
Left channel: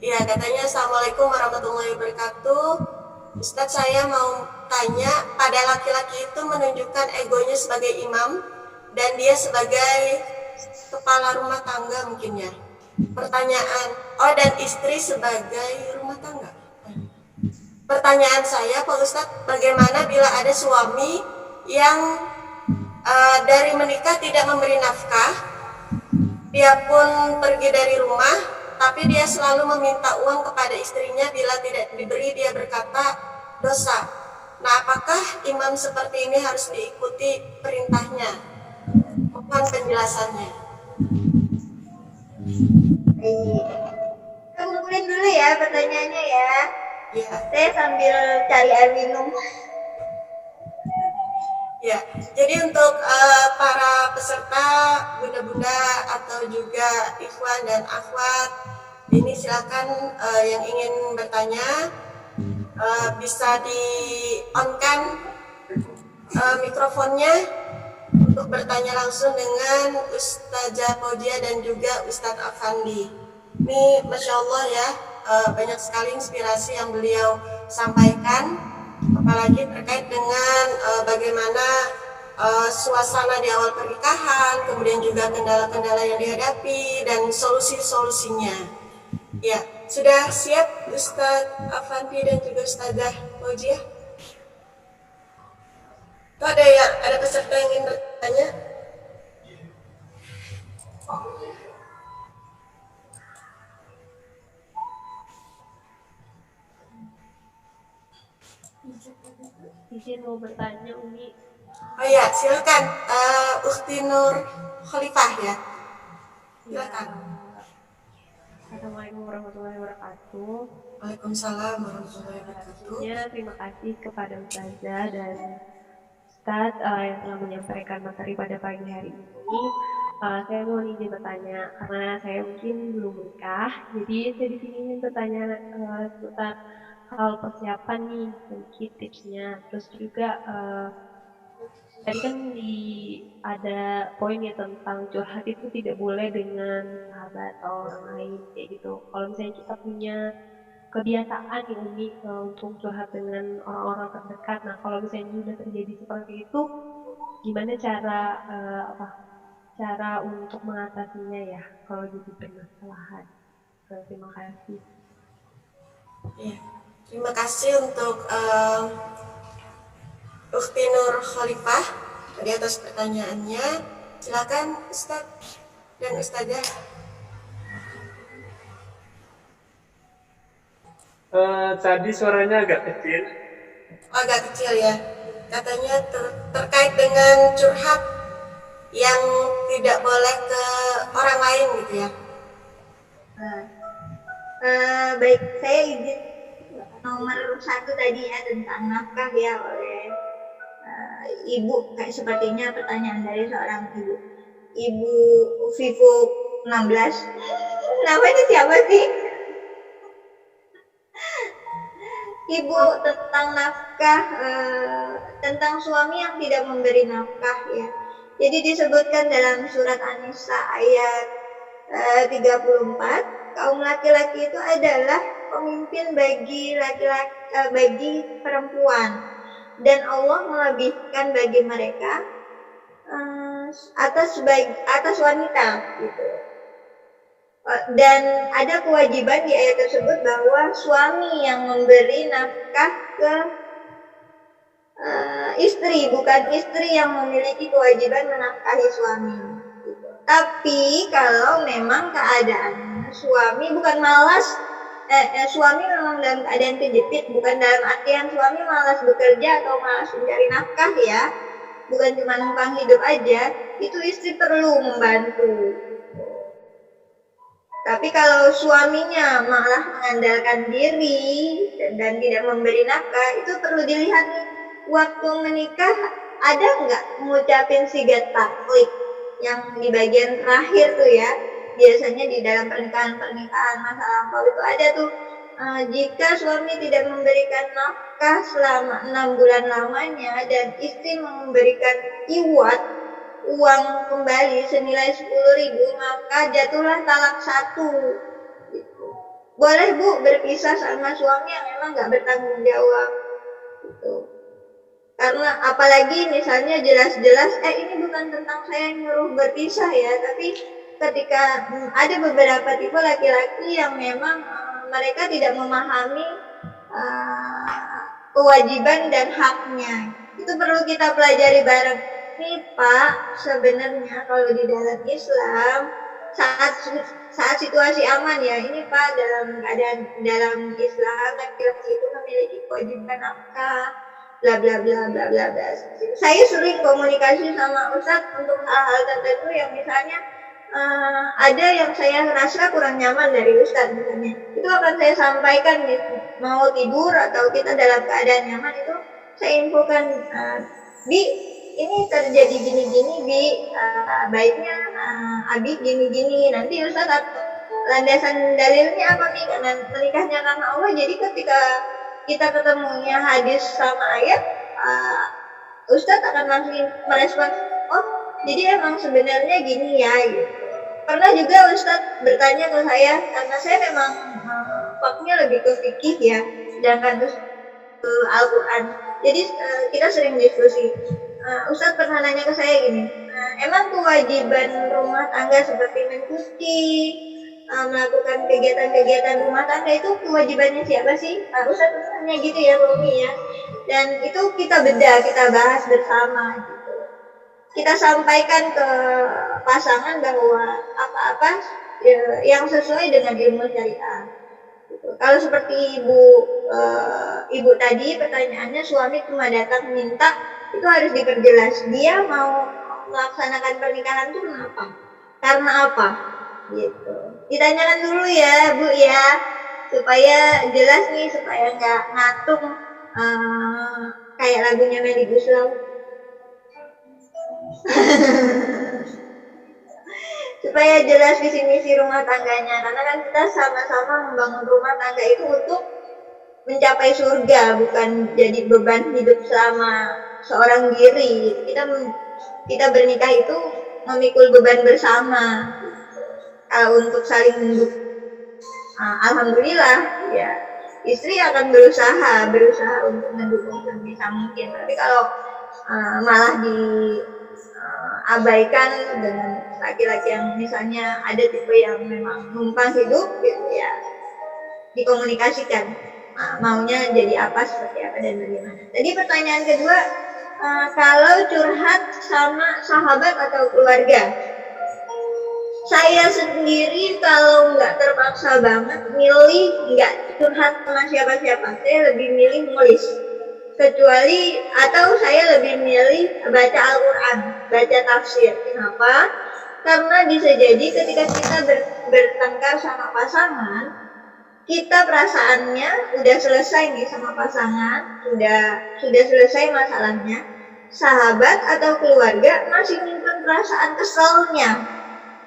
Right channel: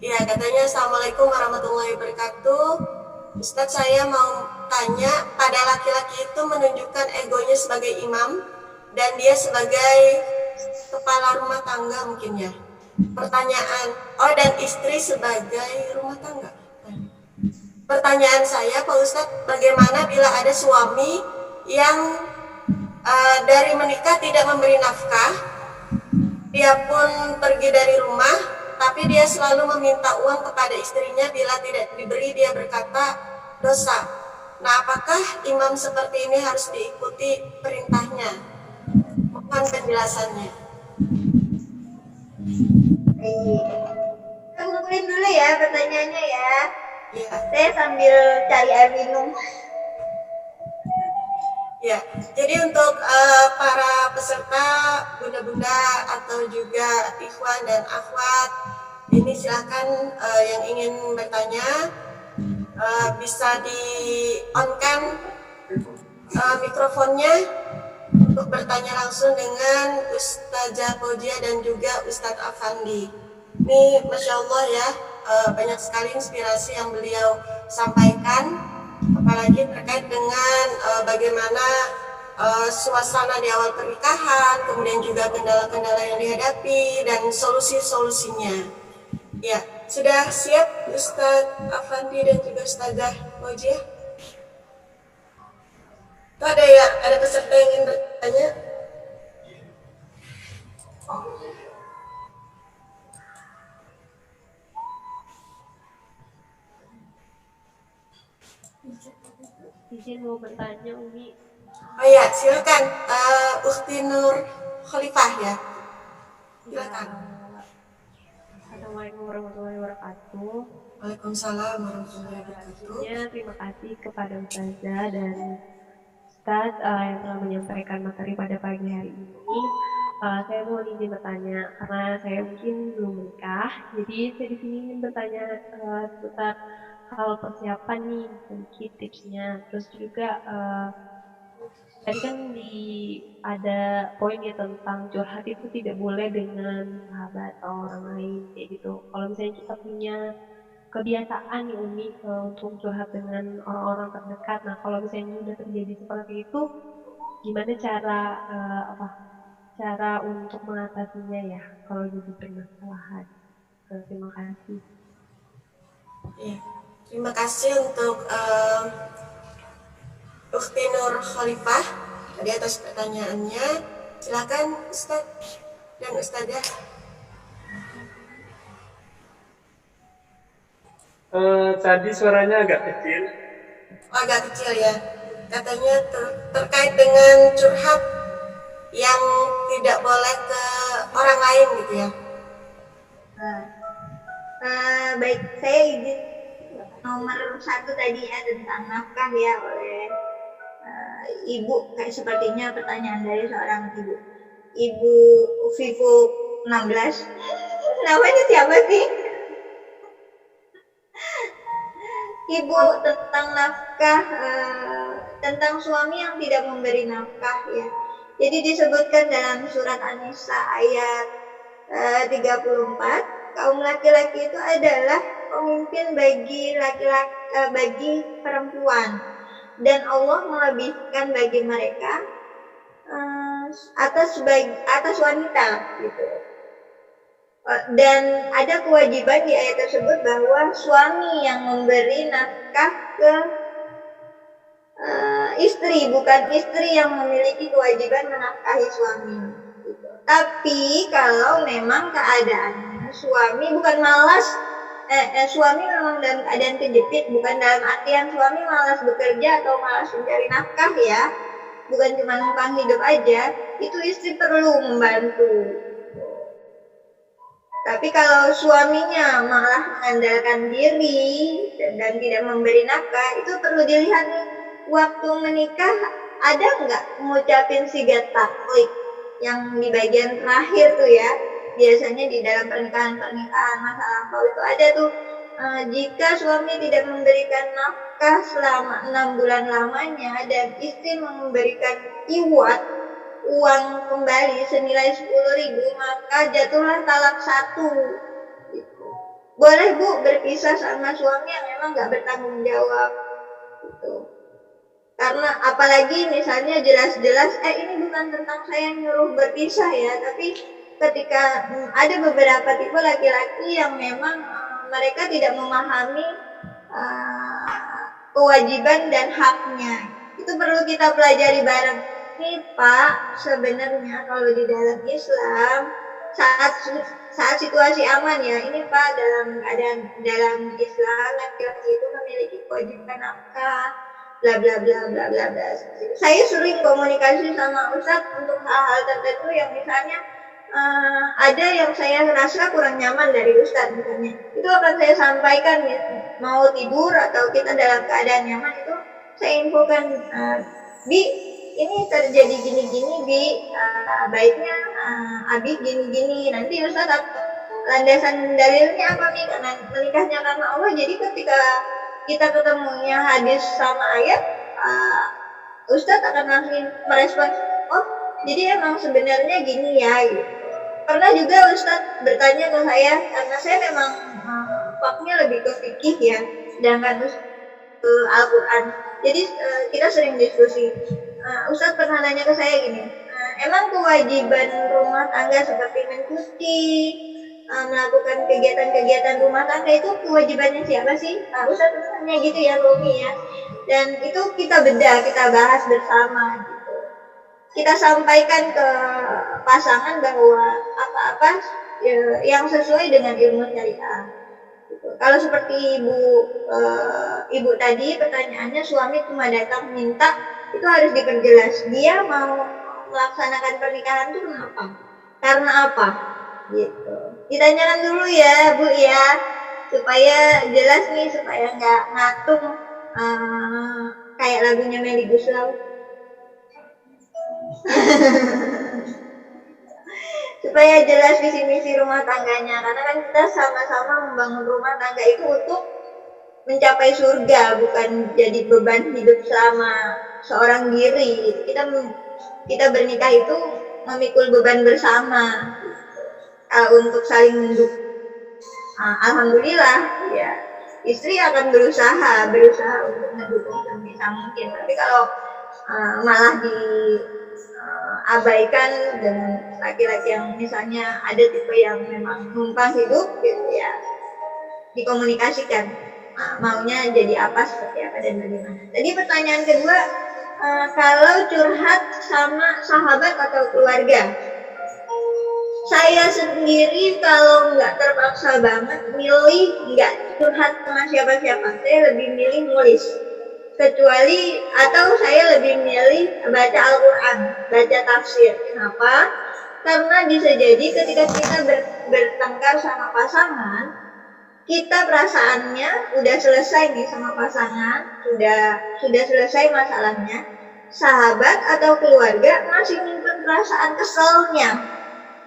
Ya, katanya Assalamualaikum warahmatullahi wabarakatuh. Ustadz, saya mau tanya, pada laki-laki itu menunjukkan egonya sebagai imam dan dia sebagai kepala rumah tangga mungkin ya. Pertanyaan, dan istri sebagai rumah tangga. Pertanyaan saya, Pak Ustadz, bagaimana bila ada suami yang dari menikah tidak memberi nafkah, dia pun pergi dari rumah, tapi dia selalu meminta uang kepada istrinya, bila tidak diberi dia berkata dosa. Nah, apakah imam seperti ini harus diikuti perintahnya? Mohon penjelasannya. Kita kumpulin dulu ya pertanyaannya ya. Ya. Saya sambil cari air minum. Ya, jadi untuk para peserta bunda-bunda atau juga ikhwan dan akhwat, ini silakan yang ingin bertanya bisa di on-kan mikrofonnya untuk bertanya langsung dengan Ustazah Fauzia dan juga Ustadz Afandi. Ini Masya Allah ya, banyak sekali inspirasi yang beliau sampaikan, apalagi terkait dengan bagaimana suasana di awal pernikahan, kemudian juga kendala-kendala yang dihadapi dan solusi-solusinya. Ya, sudah siap Ustadz Afandi dan juga Ustazah Fauzia? Tuh ada peserta yang ingin bertanya? Izin mau bertanya, Umi. Oh ya, silakan Ukhti Nur Khalifah ya. Silakan. Assalamualaikum warahmatullahi wabarakatuh. Waalaikumsalam warahmatullahi wabarakatuh. Terima kasih kepada Ustazah dan Ustadz yang telah menyampaikan materi pada pagi hari ini. Saya mau izin bertanya karena saya mungkin belum menikah, jadi saya di sini ingin bertanya seputar hal persiapan nih, sedikit tipsnya. Terus juga tadi kan ada poin ya tentang curhat itu tidak boleh dengan sahabat atau orang lain kayak gitu. Kalau misalnya kita punya kebiasaan nih Umi untuk curhat dengan orang-orang terdekat, nah kalau misalnya sudah terjadi seperti itu, gimana cara untuk mengatasinya ya kalau jadi permasalahan? Terima kasih. Ya, terima kasih untuk Ukhti Nur Khalifah tadi atas pertanyaannya. Silakan Ustadz dan Ustazah. Tadi suaranya agak kecil. Agak kecil ya. Katanya terkait dengan curhat yang tidak boleh ke orang lain gitu ya. Baik, saya izin nomor 1 tadi ya tentang nafkah ya oleh ibu, kayak sepertinya pertanyaan dari seorang ibu. Ibu Vivo 16. Namanya siapa sih? Ibu tentang nafkah, tentang suami yang tidak memberi nafkah ya. Jadi disebutkan dalam surat An-Nisa ayat 34, kaum laki-laki itu adalah pemimpin bagi laki-laki, bagi perempuan, dan Allah melebihkan bagi mereka atas wanita gitu. Dan ada kewajiban di ayat tersebut bahwa suami yang memberi nafkah ke istri, bukan istri yang memiliki kewajiban menafkahi suami gitu. Tapi kalau memang keadaannya suami bukan malas, suami memang dalam keadaan kejepit, bukan dalam artian suami malas bekerja atau malas mencari nafkah ya, bukan cuma numpang hidup aja, itu istri perlu membantu. Tapi kalau suaminya malah mengandalkan diri dan tidak memberi nafkah, itu perlu dilihat nih, waktu menikah ada nggak ngucapin sigat taklid yang di bagian terakhir tuh ya, biasanya di dalam pernikahan masa lampau itu ada tuh, jika suami tidak memberikan nafkah selama 6 bulan lamanya dan istri memberikan iwat, uang kembali senilai 10.000, maka jatuhlah talak 1 gitu. Boleh Bu berpisah sama suami yang memang nggak bertanggung jawab gitu. Karena apalagi misalnya jelas-jelas ini bukan tentang saya yang nyuruh berpisah ya, tapi ketika ada beberapa tipe laki-laki yang memang mereka tidak memahami kewajiban dan haknya, itu perlu kita pelajari bareng. Nih Pak, sebenarnya kalau di dalam Islam saat situasi aman ya, ini Pak, dalam keadaan dalam Islam laki-laki itu memiliki kewajiban nafkah, bla bla bla bla bla bla. Saya sering komunikasi sama Ustadz untuk hal-hal tertentu yang misalnya ada yang saya rasa kurang nyaman dari Ustadz misalnya, itu akan saya sampaikan nih, mau tidur atau kita dalam keadaan nyaman itu saya infokan, Bi, ini terjadi gini-gini, Bi, baiknya Abi gini-gini. Nanti Ustadz landasan dalilnya apa nih? Karena menikahnya karena Allah, jadi ketika kita ketemunya hadis sama ayat, Ustadz akan langsung merespon, oh jadi emang sebenarnya gini ya gitu. Pernah juga Ustadz bertanya ke saya, karena saya memang faknya lebih ke fikih ya, sedangkan ke Al-Quran. Jadi kita sering diskusi. Ustadz pernah nanya ke saya gini, emang kewajiban rumah tangga seperti mencuci, melakukan kegiatan-kegiatan rumah tangga itu kewajibannya siapa sih? Ustadz pernah nanya gitu ya, Romi ya. Dan itu kita bedah, kita bahas bersama gitu. Kita sampaikan ke pasangan bahwa apa-apa yang sesuai dengan ilmu syariah. Gitu. Kalau seperti ibu tadi pertanyaannya, suami cuma datang minta, itu harus diperjelas dia mau melaksanakan pernikahan itu kenapa, karena apa gitu, ditanyakan dulu ya Bu ya, supaya jelas nih, supaya nggak ngatung kayak lagunya Melly Guslau. Supaya jelas visi misi rumah tangganya, karena kan kita sama-sama membangun rumah tangga itu untuk mencapai surga, bukan jadi beban hidup selama seorang diri. Kita bernikah itu memikul beban bersama untuk saling mendukung. Alhamdulillah ya, istri akan berusaha untuk mendukung sebisa mungkin. Tapi kalau malah diabaikan dengan laki-laki yang misalnya ada tipe yang memang numpang hidup gitu ya, dikomunikasikan maunya jadi apa, seperti apa, dan bagaimana. Tadi pertanyaan kedua, kalau curhat sama sahabat atau keluarga, saya sendiri kalau nggak terpaksa banget milih nggak curhat sama siapa-siapa, saya lebih milih nulis. Kecuali atau saya lebih milih baca Al-Quran, baca tafsir. Kenapa? Karena bisa jadi ketika kita bertengkar sama pasangan, kita perasaannya udah selesai nih sama pasangan, sudah selesai masalahnya, sahabat atau keluarga masih nyimpen perasaan keselnya.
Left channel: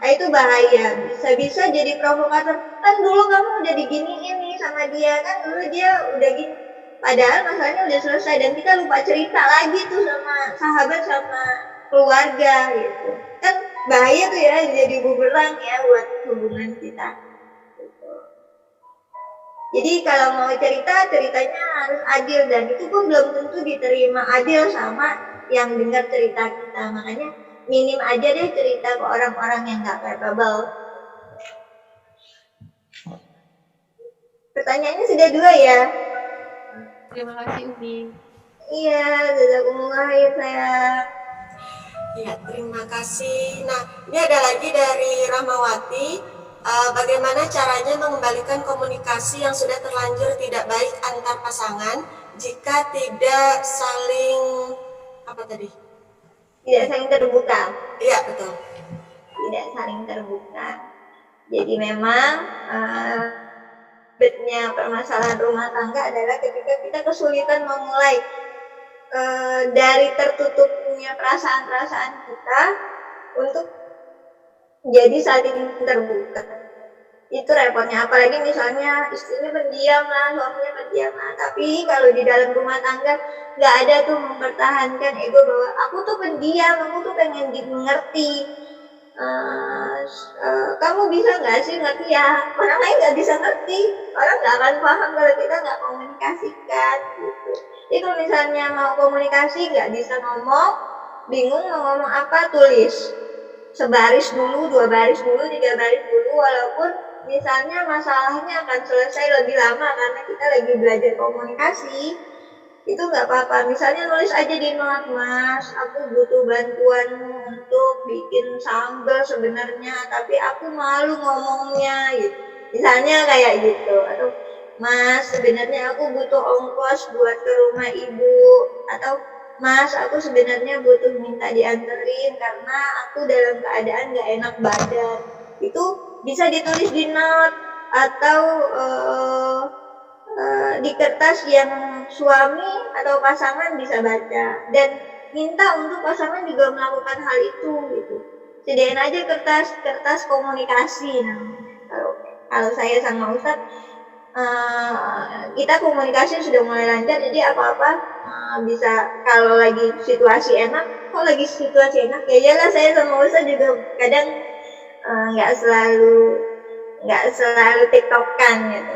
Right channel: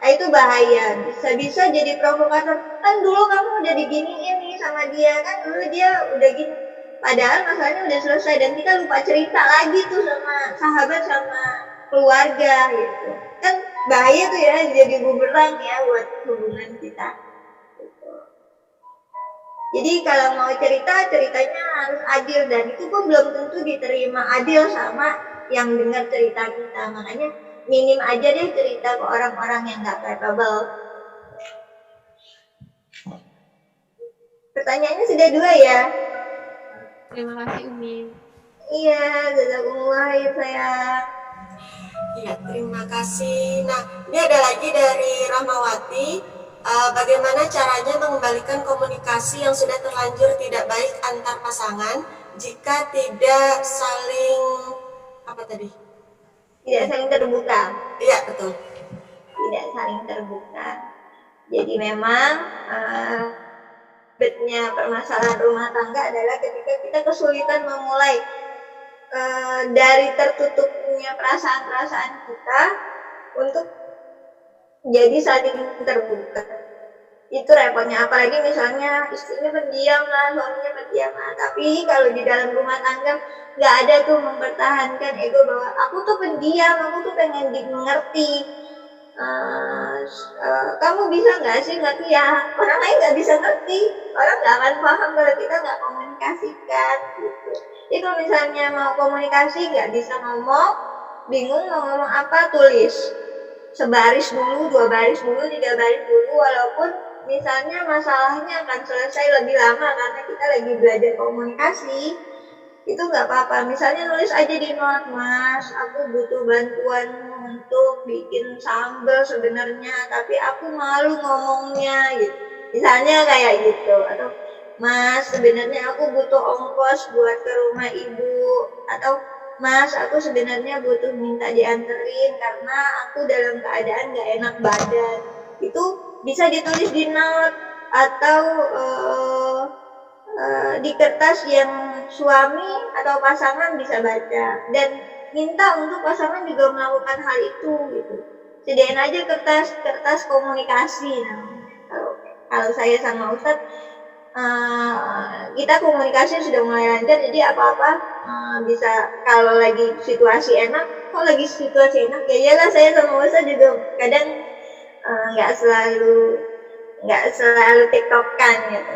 Nah, itu bahaya, bisa jadi provokator. Kan dulu kamu udah diginiin nih sama dia, kan dulu dia udah gini, padahal masalahnya udah selesai, dan kita lupa cerita lagi tuh sama sahabat sama keluarga gitu. Kan bahaya tuh ya, jadi bumerang ya buat hubungan kita. Jadi kalau mau ceritanya harus adil, dan itu pun belum tentu diterima adil sama yang dengar cerita kita. Makanya minim aja deh cerita ke orang-orang yang gak capable. Pertanyaannya sudah 2 ya. Terima kasih Umi. Iya, jazakumullah ya sayang. Iya, terima kasih. Nah, ini ada lagi dari Rahmawati. Bagaimana caranya mengembalikan komunikasi yang sudah terlanjur tidak baik antar pasangan jika tidak saling tidak saling terbuka. Iya, betul. Tidak saling terbuka. Jadi memang betnya permasalahan rumah tangga adalah ketika kita kesulitan memulai dari tertutupnya perasaan-perasaan kita untuk jadi saling terbuka. Itu repotnya, apalagi misalnya istrinya pendiam lah, suaminya pendiam lah. Tapi kalau di dalam rumah tangga nggak ada tuh mempertahankan ego bahwa aku tuh pendiam, aku tuh pengen mengerti. Kamu bisa nggak sih ngerti ya? Orang lain nggak bisa ngerti, orang nggak akan paham kalau kita nggak komunikasikan gitu. Jadi kalau misalnya mau komunikasi nggak bisa ngomong, bingung mau ngomong apa, tulis. Sebaris dulu, 2 baris dulu, 3 baris dulu, walaupun misalnya masalahnya akan selesai lebih lama karena kita lagi belajar komunikasi, itu nggak apa-apa. Misalnya nulis aja di note, Mas, aku butuh bantuanmu untuk bikin sambal sebenarnya, tapi aku malu ngomongnya gitu. Misalnya kayak gitu. Atau Mas, sebenarnya aku butuh ongkos buat ke rumah ibu. Atau Mas, aku sebenarnya butuh minta dianterin karena aku dalam keadaan gak enak badan. Itu bisa ditulis di note atau di kertas yang suami atau pasangan bisa baca. Dan minta untuk pasangan juga melakukan hal itu gitu. Sediain aja kertas komunikasi namanya. Kalau saya sama Ustadz, kita komunikasi sudah mulai lancar, jadi apa-apa bisa. Kalau lagi situasi enak, kok lagi situasi enak, ya iyalah saya sama Ustadz juga kadang nggak selalu tiktokan gitu.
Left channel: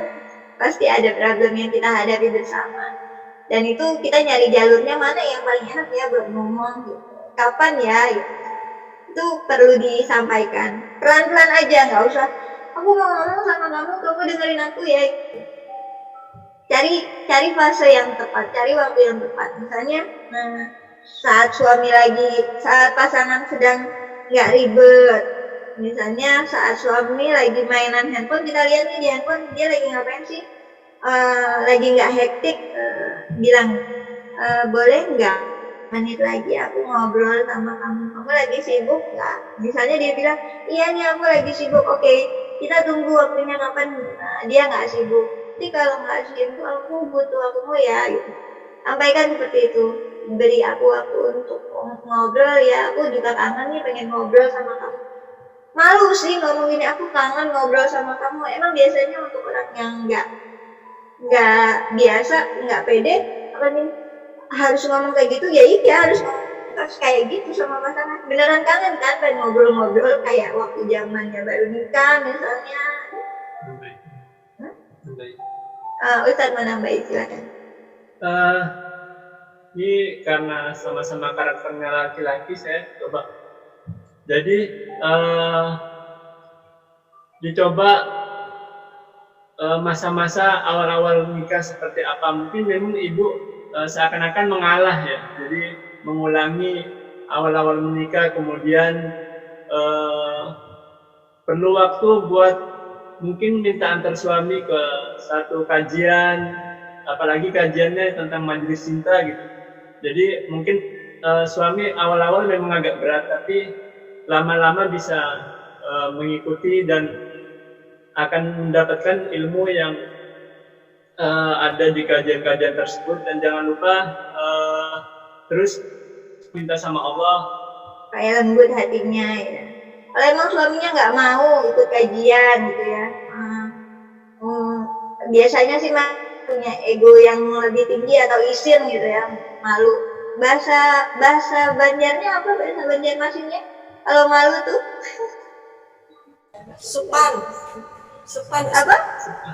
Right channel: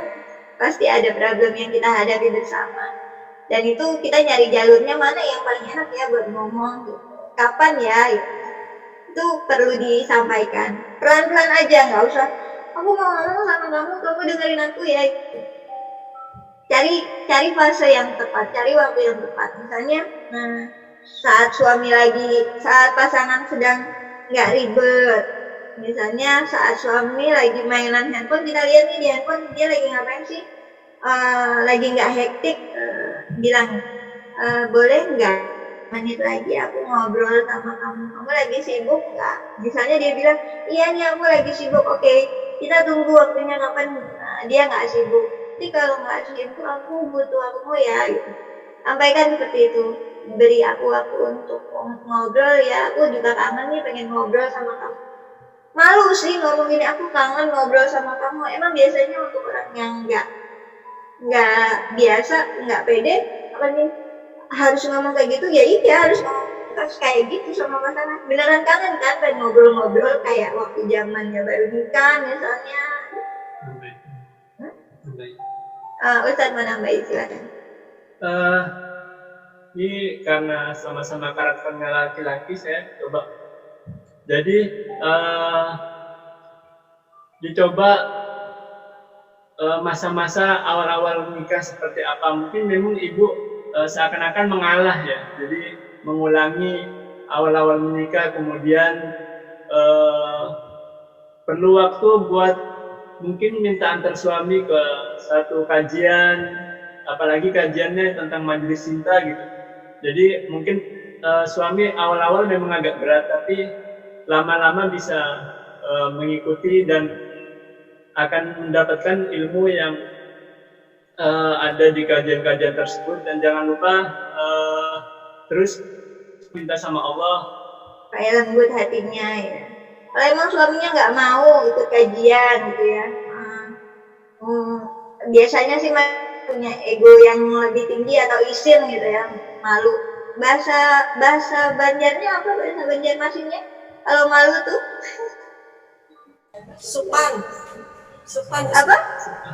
Pasti ada problem yang kita hadapi bersama, dan itu kita nyari jalurnya mana yang paling enak ya buat ngomong gitu. Kapan ya gitu. Itu perlu disampaikan pelan-pelan aja, nggak usah aku mau ngomong sama kamu dengerin aku ya. Cari fase yang tepat, cari waktu yang tepat. Misalnya saat pasangan sedang nggak ribet. Misalnya saat suami lagi mainan handphone, kita lihat nih di handphone dia lagi ngapain sih, lagi nggak hektik, bilang boleh nggak menit lagi aku ngobrol sama kamu lagi sibuk nggak? Misalnya dia bilang iya nih aku lagi sibuk, oke, kita tunggu waktunya kapan dia nggak sibuk. Tapi kalau nggak sibuk aku butuh waktumu ya gitu. Sampaikan seperti itu, beri aku waktu untuk ngobrol ya, aku juga kangen nih pengen ngobrol sama kamu. Malu sih ngomong gini, aku kangen ngobrol sama kamu. Emang biasanya untuk orang yang nggak biasa, nggak pede, apa nih harus ngomong kayak gitu? Ya iya harus kayak gitu sama pasangan. Beneran kangen kan pengen ngobrol-ngobrol kayak waktu zamannya baru nikah misalnya. Ustadz mau nambahin, silakan. Ini karena sama-sama karakternya laki-laki, saya coba. Jadi dicoba masa-masa awal-awal nikah seperti apa. Mungkin memang ibu seakan-akan mengalah ya. Jadi mengulangi awal-awal menikah, kemudian perlu waktu buat mungkin minta antar suami ke satu kajian, apalagi kajiannya tentang majelis cinta gitu. Jadi mungkin suami awal-awal memang agak berat, tapi lama-lama bisa mengikuti dan akan mendapatkan ilmu yang ada di kajian-kajian tersebut. Dan jangan lupa terus minta sama Allah kayak lembut hatinya ya. Kalau emang suaminya nggak mau ikut kajian gitu ya, biasanya sih punya ego yang lebih tinggi atau isin gitu ya, malu. Bahasa Banjarnya apa, bahasa Banjarmasinnya kalau malu tuh? Supan apa?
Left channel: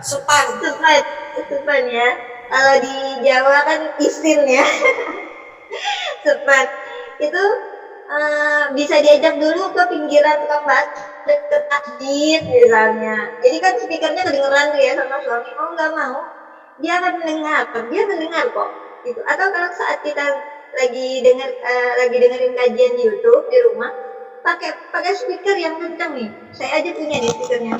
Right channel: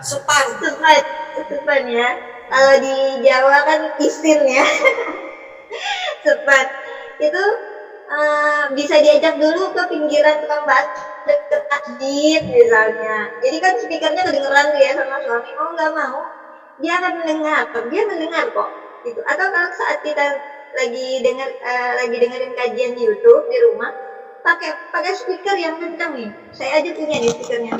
Supan ya. Kalau di Jawa kan isin ya. Supan itu bisa diajak dulu ke pinggiran tukang bakso deket masjid misalnya. Jadi kan speakernya kedengeran tuh ya sama suami. Mau nggak mau dia akan mendengar kok gitu. Atau kalau saat kita lagi dengerin kajian di YouTube di rumah, pakai speaker yang kencang nih. Saya aja punya nih speakernya.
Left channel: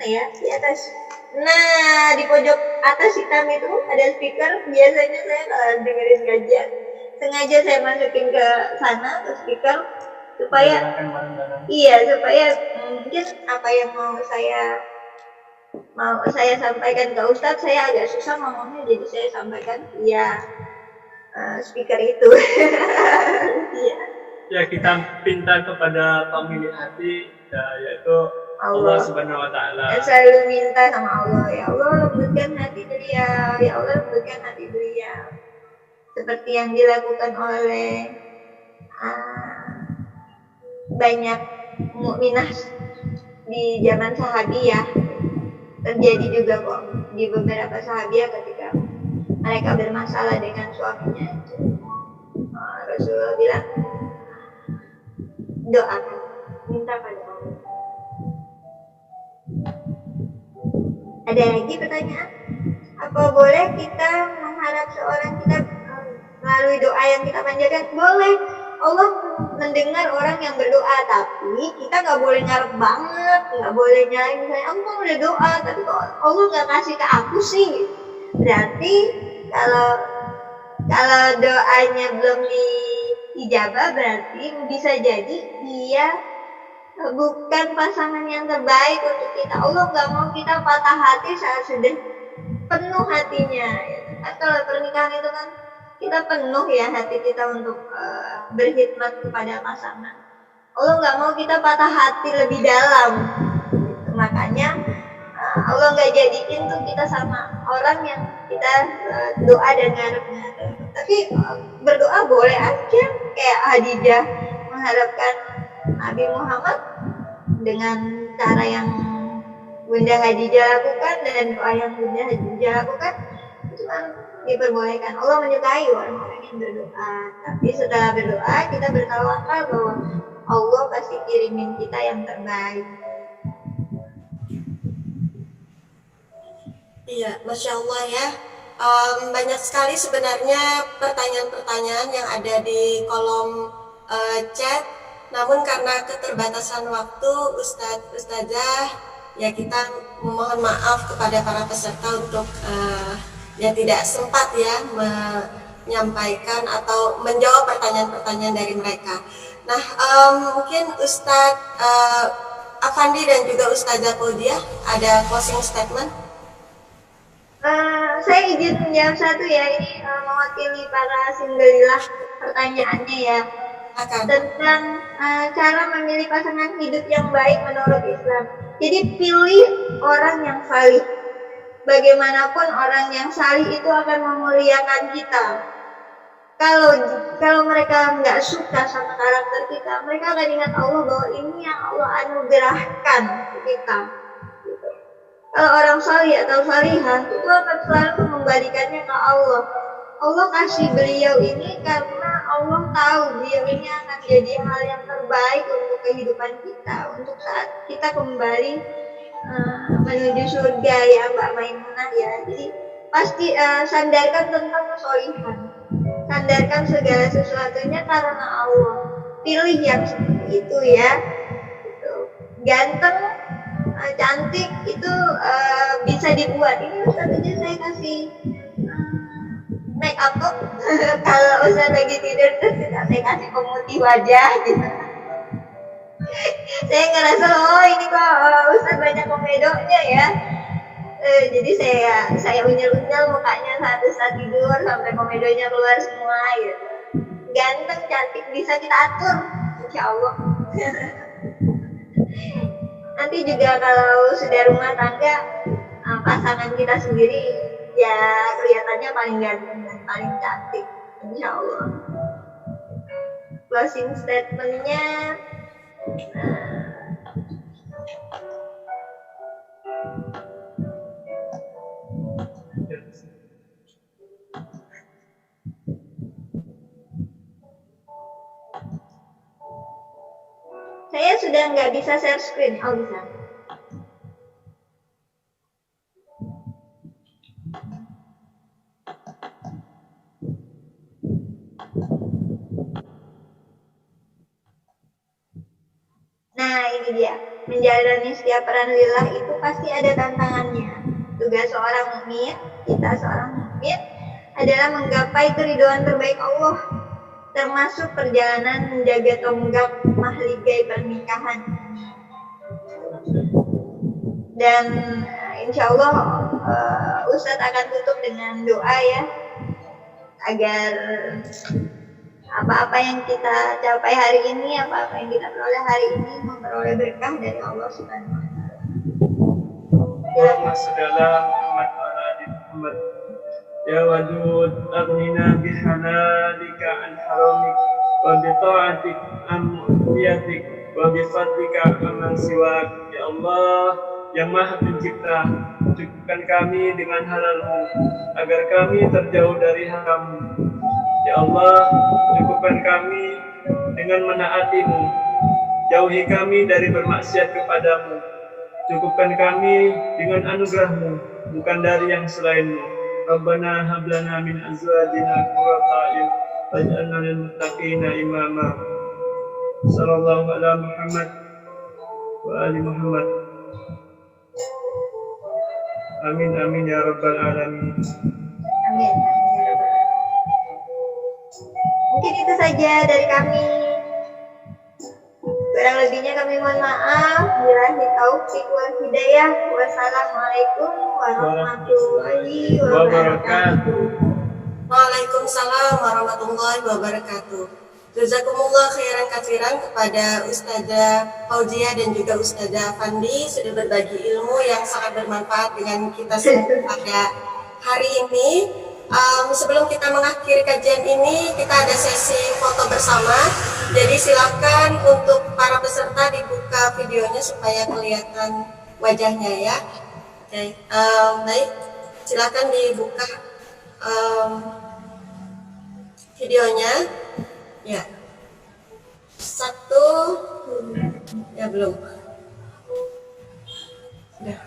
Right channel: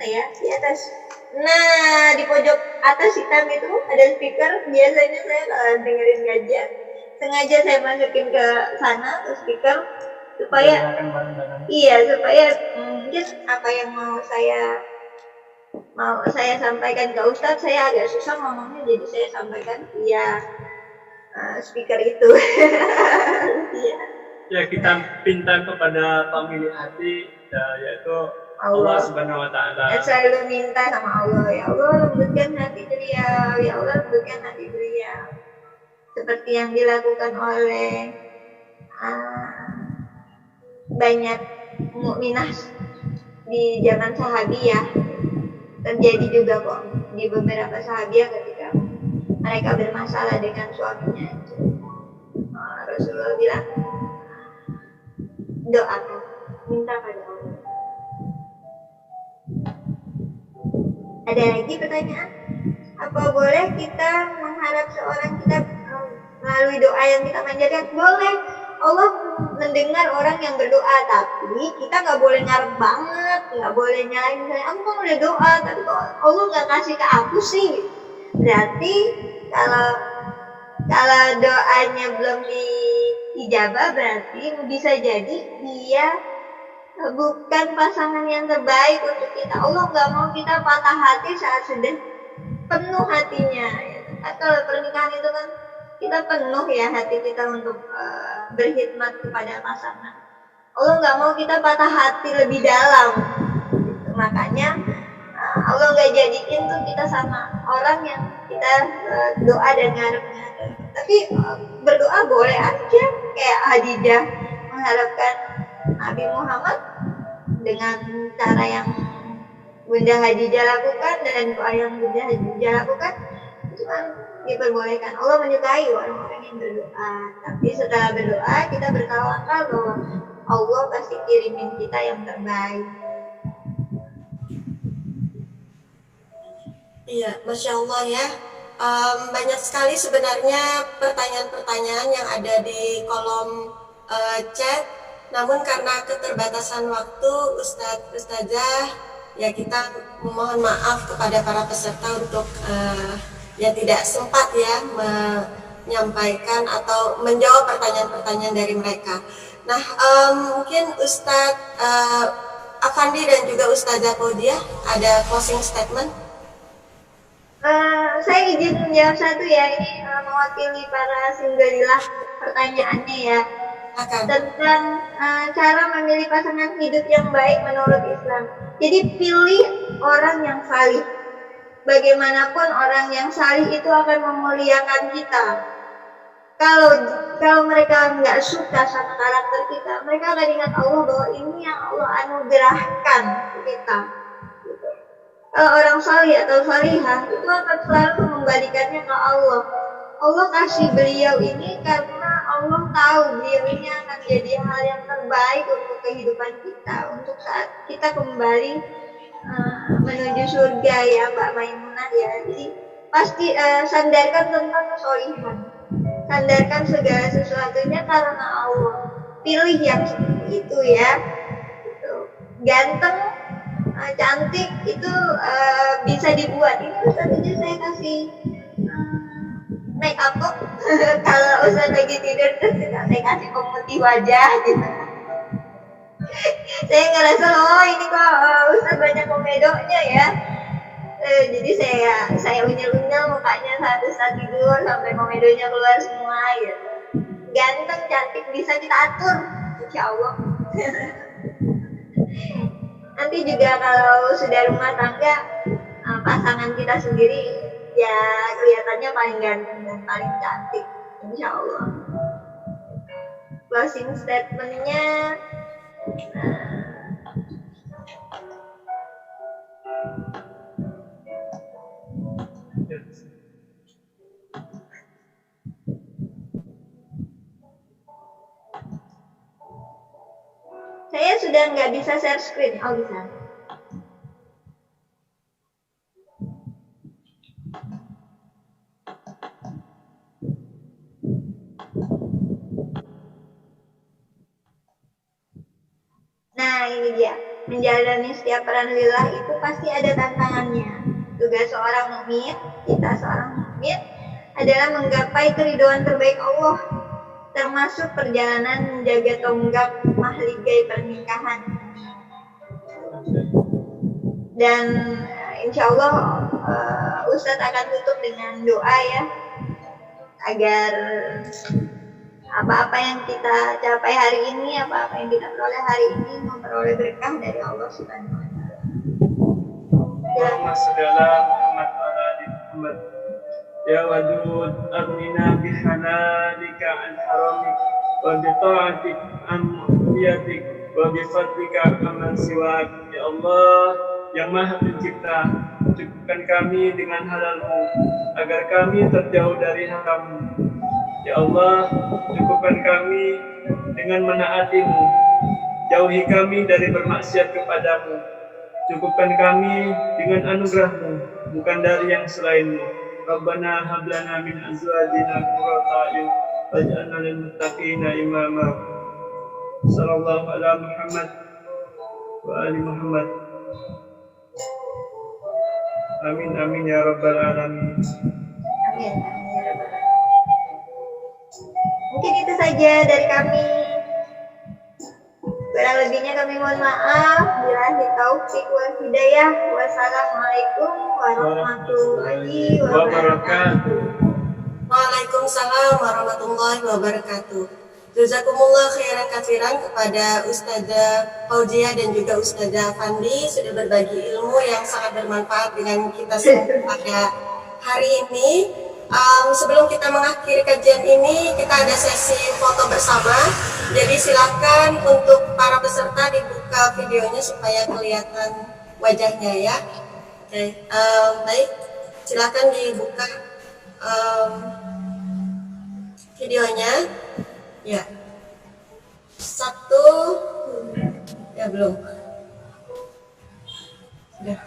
Ya di atas. Nah di pojok atas hitam itu ada speaker. Biasanya saya kalau dengerin kajian sengaja saya masukin ke sana ke speaker supaya supaya mungkin apa yang mau saya sampaikan ke Ustadz, saya agak susah ngomongnya, jadi saya sampaikan via speaker itu. Ya, kita pinta kepada pemilik hati, yaitu Allah Subhanahu wa Ta'ala. Selalu minta sama Allah, ya Allah lembutkan hati beliau, ya Allah lembutkan hati beliau. Seperti yang dilakukan oleh banyak mukminah di zaman sahabiyah. Terjadi juga kok di beberapa sahabiah ketika mereka bermasalah dengan suaminya itu. Rasulullah bilang, doakan, minta pada Allah. Ada lagi pertanyaan? Apa boleh kita mengharap seorang kita melalui doa yang kita panjatkan? Boleh. Allah mendengar orang yang berdoa, tapi kita nggak boleh ngarep banget, nggak boleh nyalain misalnya, aku kan udah doa, tapi kok Allah nggak kasih ke aku sih? Berarti kalau doanya belum diijabah, berarti bisa jadi dia bukan pasangan yang terbaik untuk kita. Allah nggak mau kita patah hati saat sudah penuh hatinya. Kan kalau pernikahan itu kan kita penuh ya hati kita untuk berkhidmat kepada pasangan. Allah nggak mau kita patah hati lebih dalam. Gitu. Makanya Allah nggak jadiin tuh kita sama orang yang kita doa dan ngarep-ngarep. Tapi berdoa boleh aja, kayak Khadijah mengharapkan Nabi Muhammad dengan cara yang Bunda Khadijah lakukan dan doa yang Bunda Khadijah lakukan itu kan diperbolehkan. Allah menyukai orang-orang yang berdoa. Tapi setelah berdoa kita bertawakal bahwa Allah pasti kirimin kita yang terbaik. Iya, Masya Allah ya. Banyak sekali sebenarnya pertanyaan-pertanyaan yang ada di kolom chat. Namun karena keterbatasan waktu, Ustazah, ya kita memohon maaf kepada para peserta untuk ya tidak sempat ya menyampaikan atau menjawab pertanyaan-pertanyaan dari mereka. Nah, mungkin Ustadz Afandi dan juga Ustazah Fauziah ada closing statement. Saya izin menjawab satu ya, ini mewakili para singgelilah pertanyaannya ya. Tentang cara memilih pasangan hidup yang baik menurut Islam. Jadi pilih orang yang salih. Bagaimanapun orang yang salih itu akan memuliakan kita. Kalau mereka nggak suka sama karakter kita, mereka akan ingat Allah bahwa ini yang Allah anugerahkan ke kita. Gitu. Kalau orang salih atau salihah itu akan selalu mengembalikannya ke Allah. Allah kasih beliau ini karena Allah tahu beliau ini akan jadi hal yang terbaik untuk kehidupan kita, untuk saat kita kembali menuju surga ya Mbak Maimunah ya. Jadi pasti sandarkan tentang kesolihan, sandarkan segala sesuatunya karena Allah. Pilih yang seperti itu ya. Gitu. Ganteng, cantik itu bisa dibuat. Ini Ustaz aja saya kasih make up kok. Kalau Ustaz lagi tidur terus saya kasih pemutih wajah gitu. Saya ngerasa ini kok Ustaz banyak komedonya ya. Jadi saya unyel-unyel mukanya saat Ustaz tidur sampai komedonya keluar semua gitu. Ganteng, cantik bisa kita atur, insya Allah. Nanti juga kalau sudah rumah tangga, pasangan kita sendiri ya kelihatannya paling ganteng dan paling cantik, insya Allah. Closing statementnya, saya sudah nggak bisa share screen. Oh bisa. Nah ini dia, menjalani setiap peran lillah itu pasti ada tantangannya. Tugas seorang mukmin, kita seorang mukmin adalah menggapai keridhaan terbaik Allah termasuk perjalanan menjaga tonggak mahligai pernikahan. Dan insya Allah Ustadz akan tutup dengan doa ya, agar apa-apa yang kita capai hari ini, apa-apa yang kita peroleh hari ini memperoleh berkah dari Allah Subhanahu wa Ta'ala. Allahumma shalli ala Muhammad wa ala ali Muhammad. Ya Wadud, aghnina bihalalika an haramik wa bi ta'atik an mu'tiyatik wa bi fadlika amman siwak. Ya Allah yang Maha Pencipta, cukupkan kami dengan halal-Mu agar kami terjauh dari haram. Ya Allah, cukupkan kami dengan menaati-Mu, jauhi kami dari bermaksiat kepadamu. Cukupkan kami dengan anugerah-Mu, bukan dari yang selain-Mu. Rabbana hablana min azwajina qurrata a'yun waj'alna lil muttaqina imama. Sallallahu ala Muhammad wa ali Muhammad. Amin amin ya rabbal alamin. Amin amin ya rabbal alamin. Mungkin itu saja dari kami. Kurang lebihnya kami mohon maaf. Billahi taufik wal hidayah. Wassalamualaikum warahmatullahi wabarakatuh. Waalaikumsalam warahmatullahi wabarakatuh. Jazakumullah khairan katsiran kepada Ustadzah Fauzia dan juga Ustadzah Fandi sudah berbagi ilmu yang sangat bermanfaat dengan kita semua pada hari ini. Sebelum kita mengakhiri kajian ini, kita ada sesi foto bersama. Jadi silakan untuk para peserta dibuka videonya supaya kelihatan wajahnya ya. Oke, baik, silakan dibuka videonya. Ya, satu, ya belum. Sudah.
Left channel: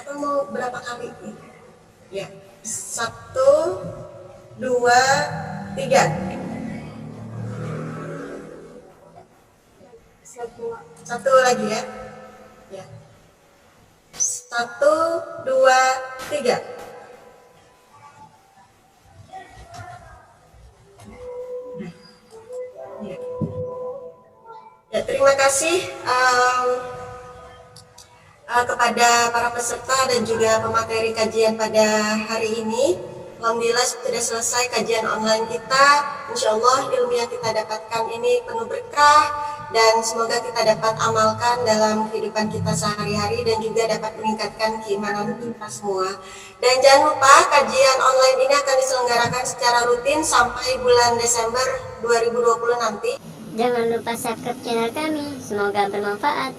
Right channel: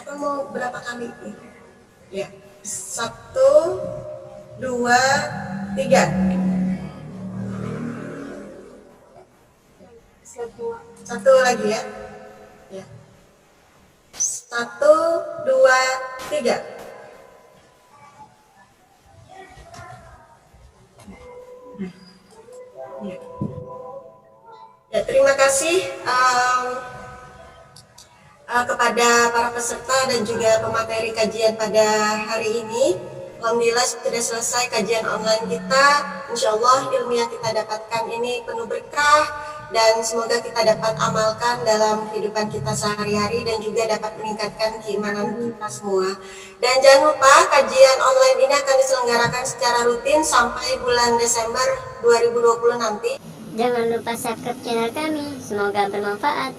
Atau mau berapa kali? Ya, satu, dua, tiga. Satu lagi ya. Ya. Satu, dua, tiga. Ya, terima kasih kepada para peserta dan juga pemateri kajian pada hari ini. Alhamdulillah sudah selesai kajian online kita. Insya Allah ilmu yang kita dapatkan ini penuh berkah dan semoga kita dapat amalkan dalam kehidupan kita sehari-hari dan juga dapat meningkatkan keimanan kita semua. Dan jangan lupa kajian online ini akan diselenggarakan secara rutin sampai bulan Desember 2020 nanti. Jangan lupa subscribe channel kami, semoga bermanfaat.